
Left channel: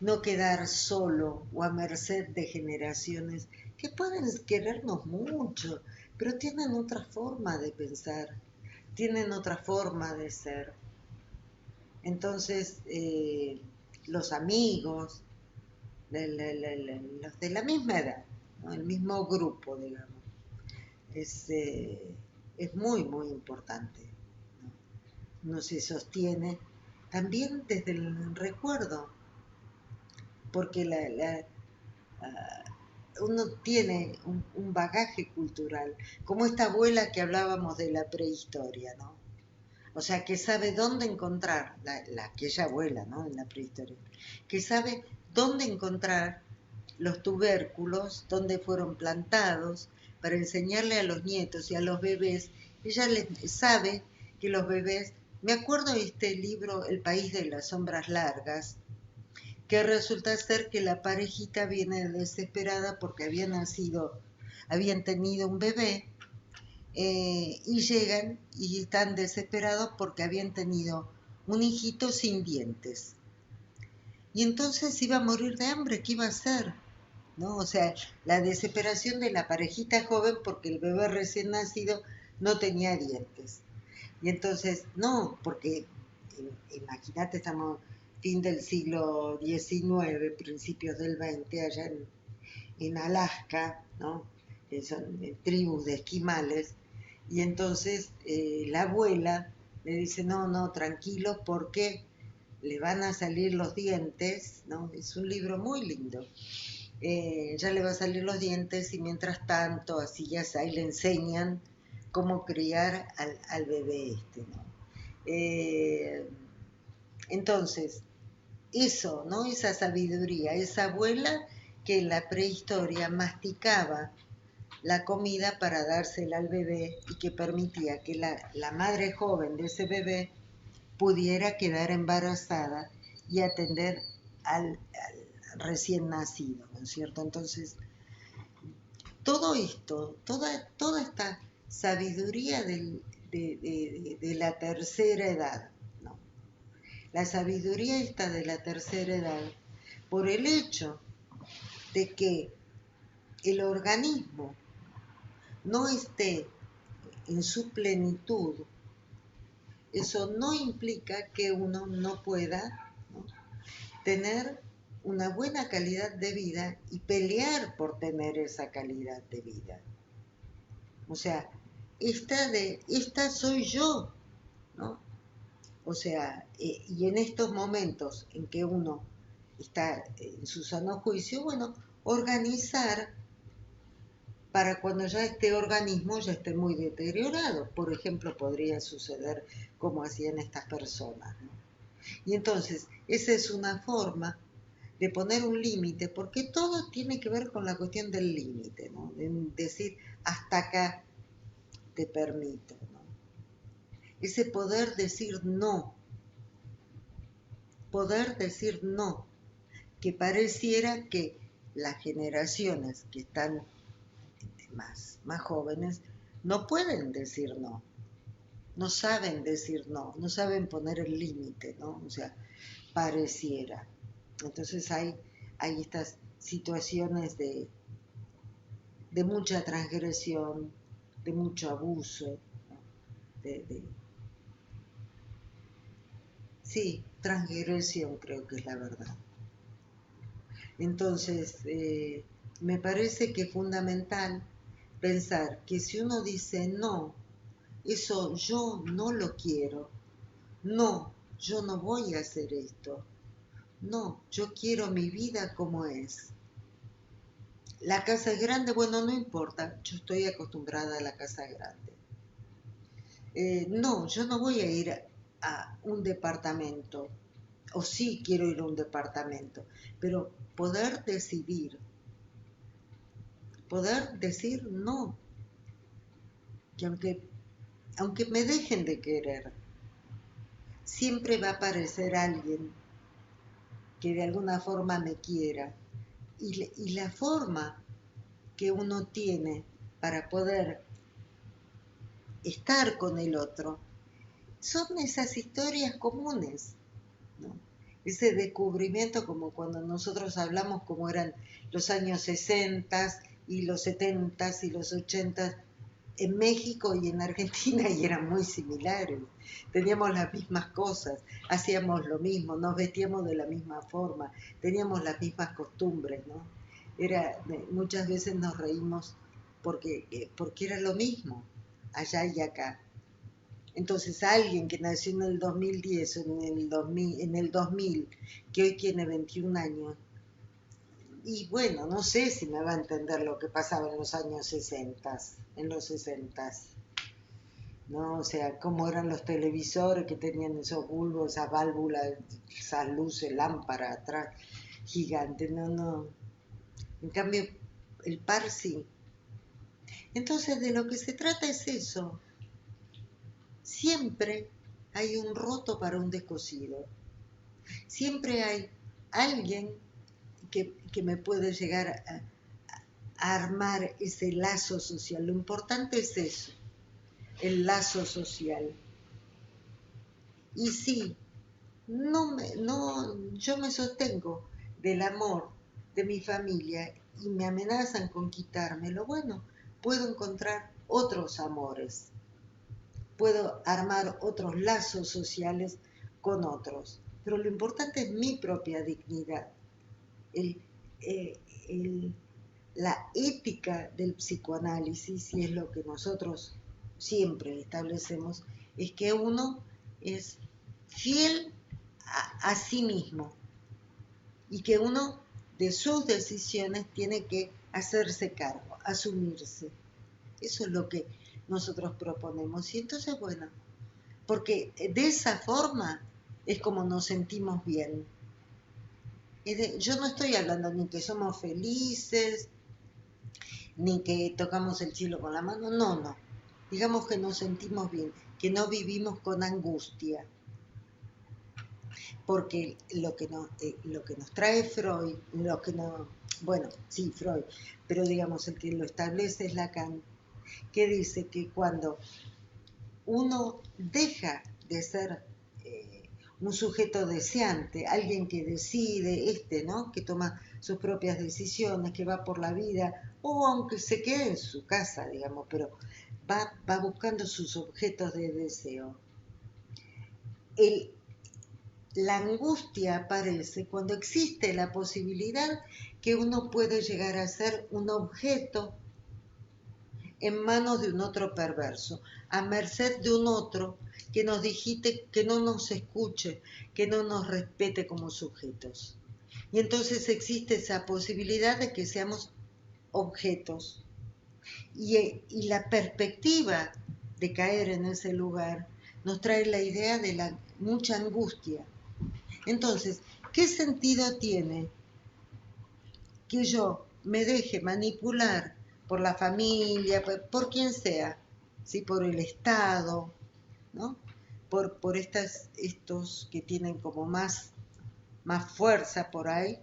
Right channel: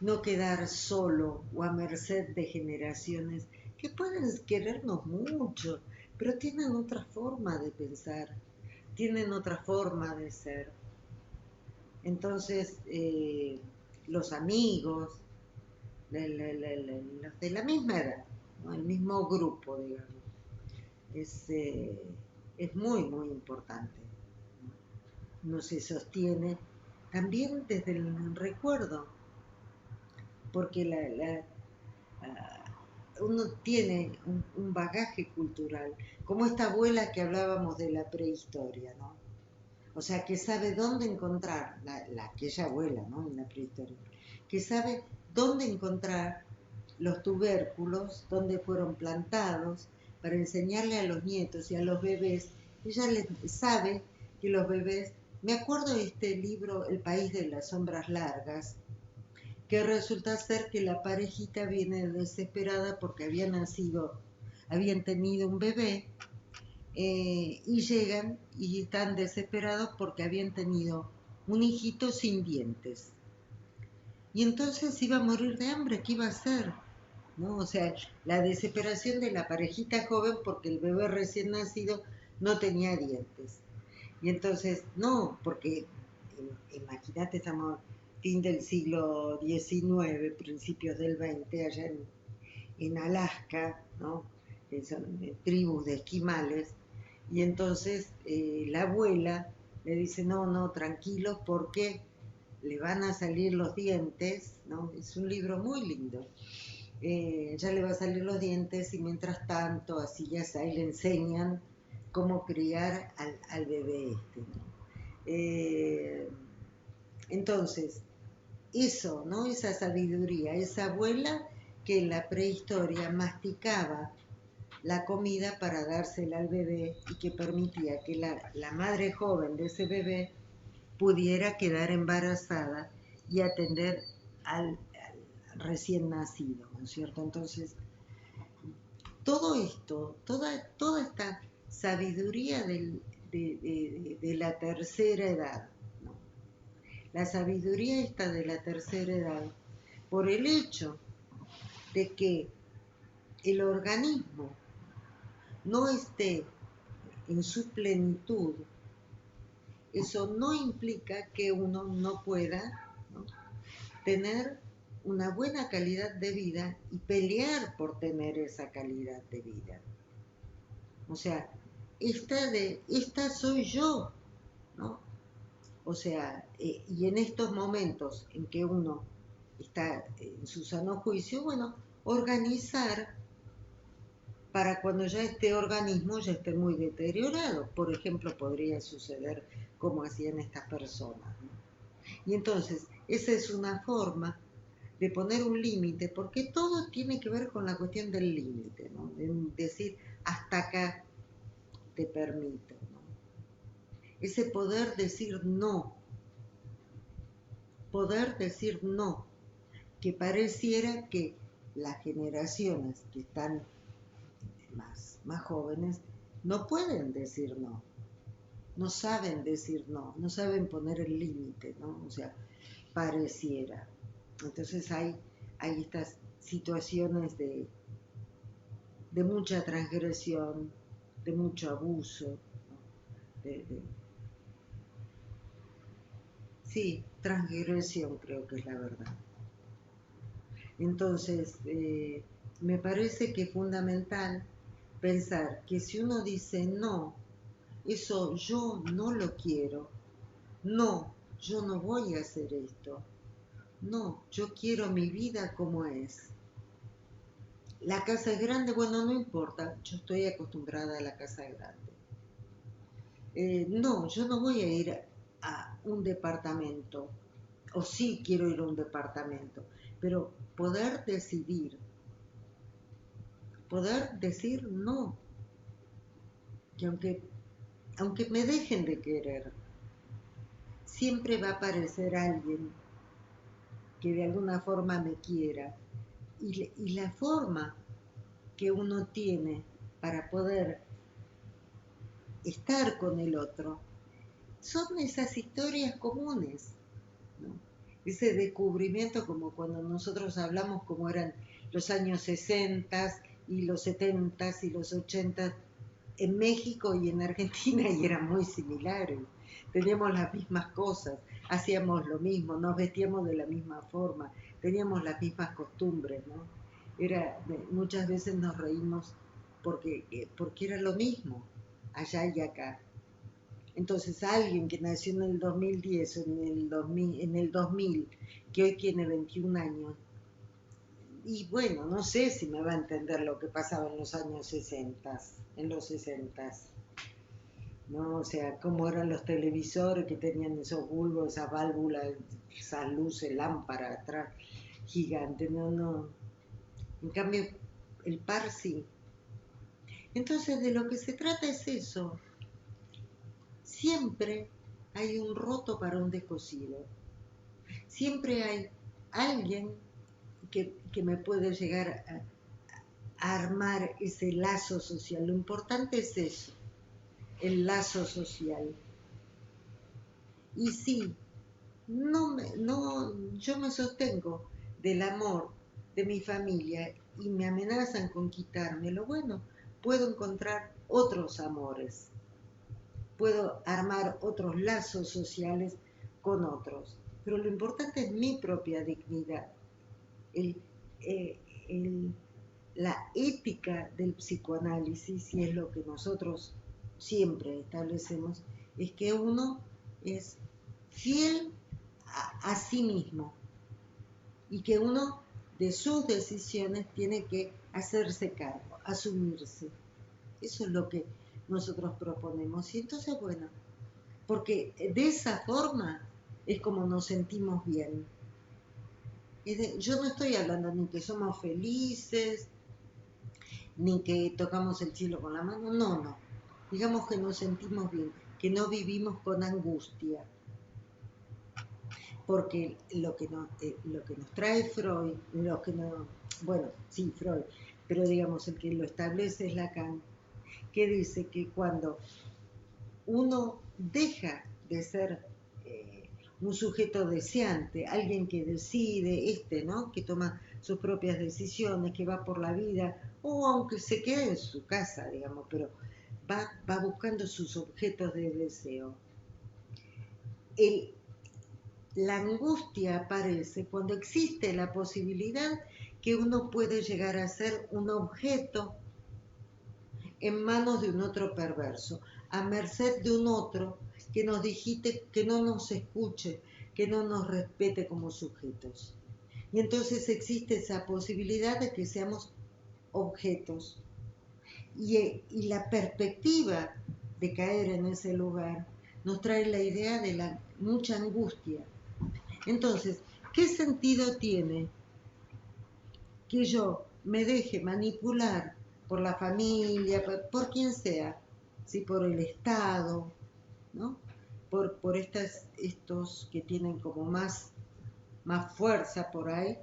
no quedar solo o a merced de generaciones que pueden querernos mucho, pero tienen otra forma de pensar, tienen otra forma de ser. Entonces, los amigos, los de la misma edad, ¿no? El mismo grupo, digamos, es, eh, es muy, muy importante. No se sostiene también desde el recuerdo, porque uno tiene un bagaje cultural, como esta abuela que hablábamos de la prehistoria, ¿no? O sea, que sabe dónde encontrar, aquella abuela, ¿no? En la prehistoria, que sabe dónde encontrar los tubérculos, dónde fueron plantados, para enseñarle a los nietos y a los bebés. Ella sabe que los bebés, me acuerdo de este libro, El país de las sombras largas, que resulta ser que la parejita viene desesperada porque habían tenido un bebé, y llegan y están desesperados porque habían tenido un hijito sin dientes. Y entonces iba a morir de hambre, ¿qué iba a hacer? ¿No? O sea, la desesperación de la parejita joven porque el bebé recién nacido no tenía dientes. Y entonces, no, porque imagínate, estamos fin del siglo XIX, principios del XX, allá en Alaska, ¿no? Que son tribus de esquimales. Y entonces la abuela le dice, no, no, tranquilo, porque le van a salir los dientes, ¿no? Es un libro muy lindo. Ya le va a salir los dientes y mientras tanto, así ya ahí le enseñan cómo criar al bebé este, ¿no? Eh, entonces, eso, ¿no? Esa sabiduría, esa abuela que en la prehistoria masticaba la comida para dársela al bebé y que permitía que la madre joven de ese bebé pudiera quedar embarazada y atender al recién nacido, ¿no es cierto? Entonces, todo esto, toda esta sabiduría de la tercera edad, ¿no? La sabiduría esta de la tercera edad, por el hecho de que el organismo no esté en su plenitud, eso no implica que uno no pueda, ¿no?, tener una buena calidad de vida y pelear por tener esa calidad de vida. O sea, esta soy yo, ¿no? O sea, y en estos momentos en que uno está en su sano juicio, bueno, organizar para cuando ya este organismo ya esté muy deteriorado. Por ejemplo, podría suceder como hacían estas personas, ¿no? Y entonces, esa es una forma de poner un límite, porque todo tiene que ver con la cuestión del límite, ¿no? De decir, hasta acá te permito, ¿no? Ese poder decir no, que pareciera que las generaciones que están más jóvenes no pueden decir no, no saben decir no, no saben poner el límite, ¿no? O sea, pareciera. Entonces hay estas situaciones de mucha transgresión, de mucho abuso, sí, transgresión creo que es la verdad. Entonces, me parece que es fundamental pensar que si uno dice no, eso yo no lo quiero, no, yo no voy a hacer esto, no, yo quiero mi vida como es. La casa es grande, bueno, no importa, yo estoy acostumbrada a la casa grande. No, yo no voy a ir a un departamento, o sí quiero ir a un departamento, pero poder decir no, que aunque me dejen de querer, siempre va a aparecer alguien que de alguna forma me quiera, y la forma que uno tiene para poder estar con el otro son esas historias comunes, ¿no? Ese descubrimiento, como cuando nosotros hablamos como eran los años 60 y los 70 y los 80 en México y en Argentina, y eran muy similares. Teníamos las mismas cosas, hacíamos lo mismo, nos vestíamos de la misma forma, teníamos las mismas costumbres, ¿no? Muchas veces nos reímos porque era lo mismo, allá y acá. Entonces, alguien que nació en el 2010 o en el 2000, que hoy tiene 21 años, y bueno, no sé si me va a entender lo que pasaba en los años 60, en los 60, ¿no? O sea, cómo eran los televisores que tenían esos bulbos, esas válvulas, esas luces, lámparas atrás, gigantes, no, no. En cambio, el par sí. Entonces, de lo que se trata es eso. Siempre hay un roto para un descosido. Siempre hay alguien que me puede llegar a armar ese lazo social. Lo importante es eso, el lazo social. Y sí, yo me sostengo del amor de mi familia y me amenazan con quitármelo. Bueno, puedo encontrar otros amores, puedo armar otros lazos sociales con otros, pero lo importante es mi propia dignidad. El, eh, el, la ética del psicoanálisis, y es lo que nosotros siempre establecemos, es que uno es fiel a sí mismo y que uno de sus decisiones tiene que hacerse cargo, asumirse. Eso es lo que nosotros proponemos. Y entonces, bueno, porque de esa forma es como nos sentimos bien. Yo no estoy hablando ni que somos felices, ni que tocamos el cielo con la mano, no, no. Digamos que nos sentimos bien, que no vivimos con angustia. Porque lo que nos trae Freud, bueno, sí, Freud, pero digamos el que lo establece es Lacan, que dice que cuando uno deja de ser un sujeto deseante, alguien que decide, ¿no? Que toma sus propias decisiones, que va por la vida, o aunque se quede en su casa, digamos, pero va buscando sus objetos de deseo. La angustia aparece cuando existe la posibilidad que uno puede llegar a ser un objeto en manos de un otro perverso, a merced de un otro que nos digite, que no nos escuche, que no nos respete como sujetos. Y entonces existe esa posibilidad de que seamos objetos. Y la perspectiva de caer en ese lugar nos trae la idea de la mucha angustia. Entonces, ¿qué sentido tiene que yo me deje manipular por la familia, por quien sea, ¿sí? Por el Estado, ¿no? Por estos que tienen como más fuerza por ahí,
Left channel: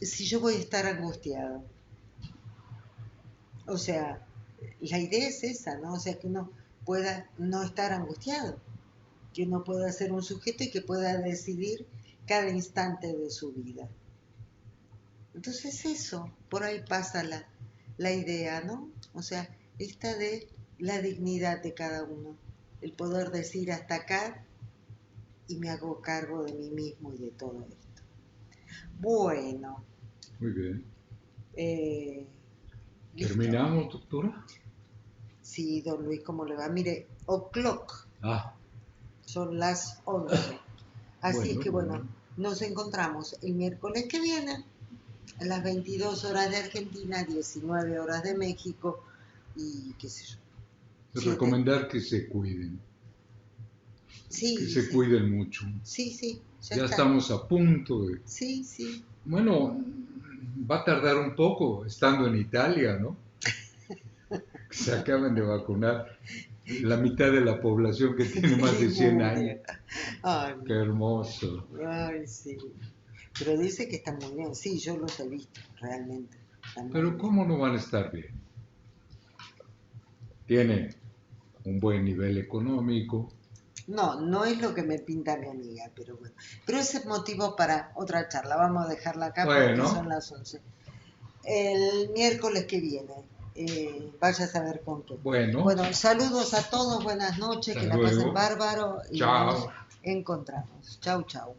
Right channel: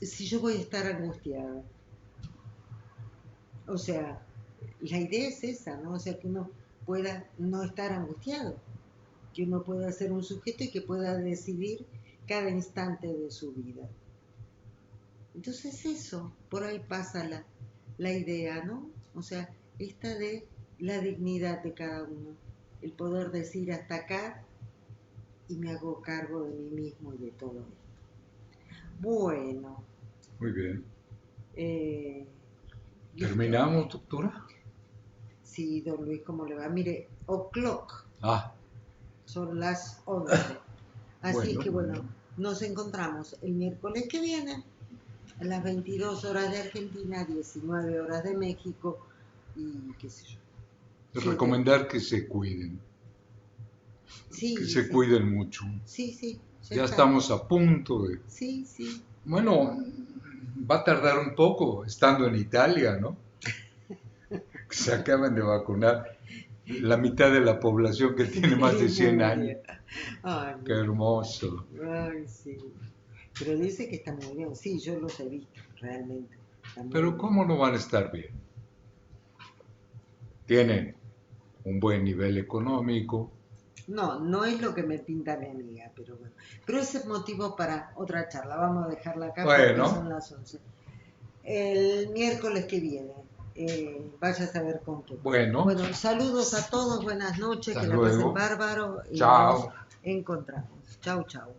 si yo voy a estar angustiado? O sea, la idea es esa, ¿no? O sea, que uno pueda no estar angustiado, que uno pueda ser un sujeto y que pueda decidir cada instante de su vida. Entonces eso, por ahí pasa la idea, ¿no? O sea, esta de la dignidad de cada uno, el poder decir hasta acá y me hago cargo de mí mismo y de todo esto. Bueno, Muy bien. ¿listo? ¿Terminamos, doctora? Sí, don Luis, ¿cómo le va? Mire, o'clock, Ah, son las 11. Así es bueno, que muy bueno, bien. nos encontramos el miércoles que viene a las 22 horas de Argentina, 19 horas de México y qué sé yo, 7. Recomendar que se cuiden, que Sí, se sí, cuiden mucho. sí, sí, ya Ya está. estamos a punto de... Sí, sí. Bueno, va a tardar un poco estando en Italia, ¿no? Se acaban de vacunar la mitad de la población que tiene más de 100 años. Lemuria. Ay, Qué hermoso. ay, sí. Pero dice que está muy bien. Sí, yo los he visto, realmente. Está muy Pero bien. ¿cómo no van a estar bien? Tienen un buen nivel económico. No, no es lo que me pinta mi amiga, pero bueno. Pero ese es motivo para otra charla. Vamos a dejarla acá porque son Bueno, las 11. El miércoles que viene, vaya a saber con qué. bueno, Bueno, saludos a todos, buenas noches, hasta que la pasen luego. bárbaro y nos Chao. encontramos. Chau, chau.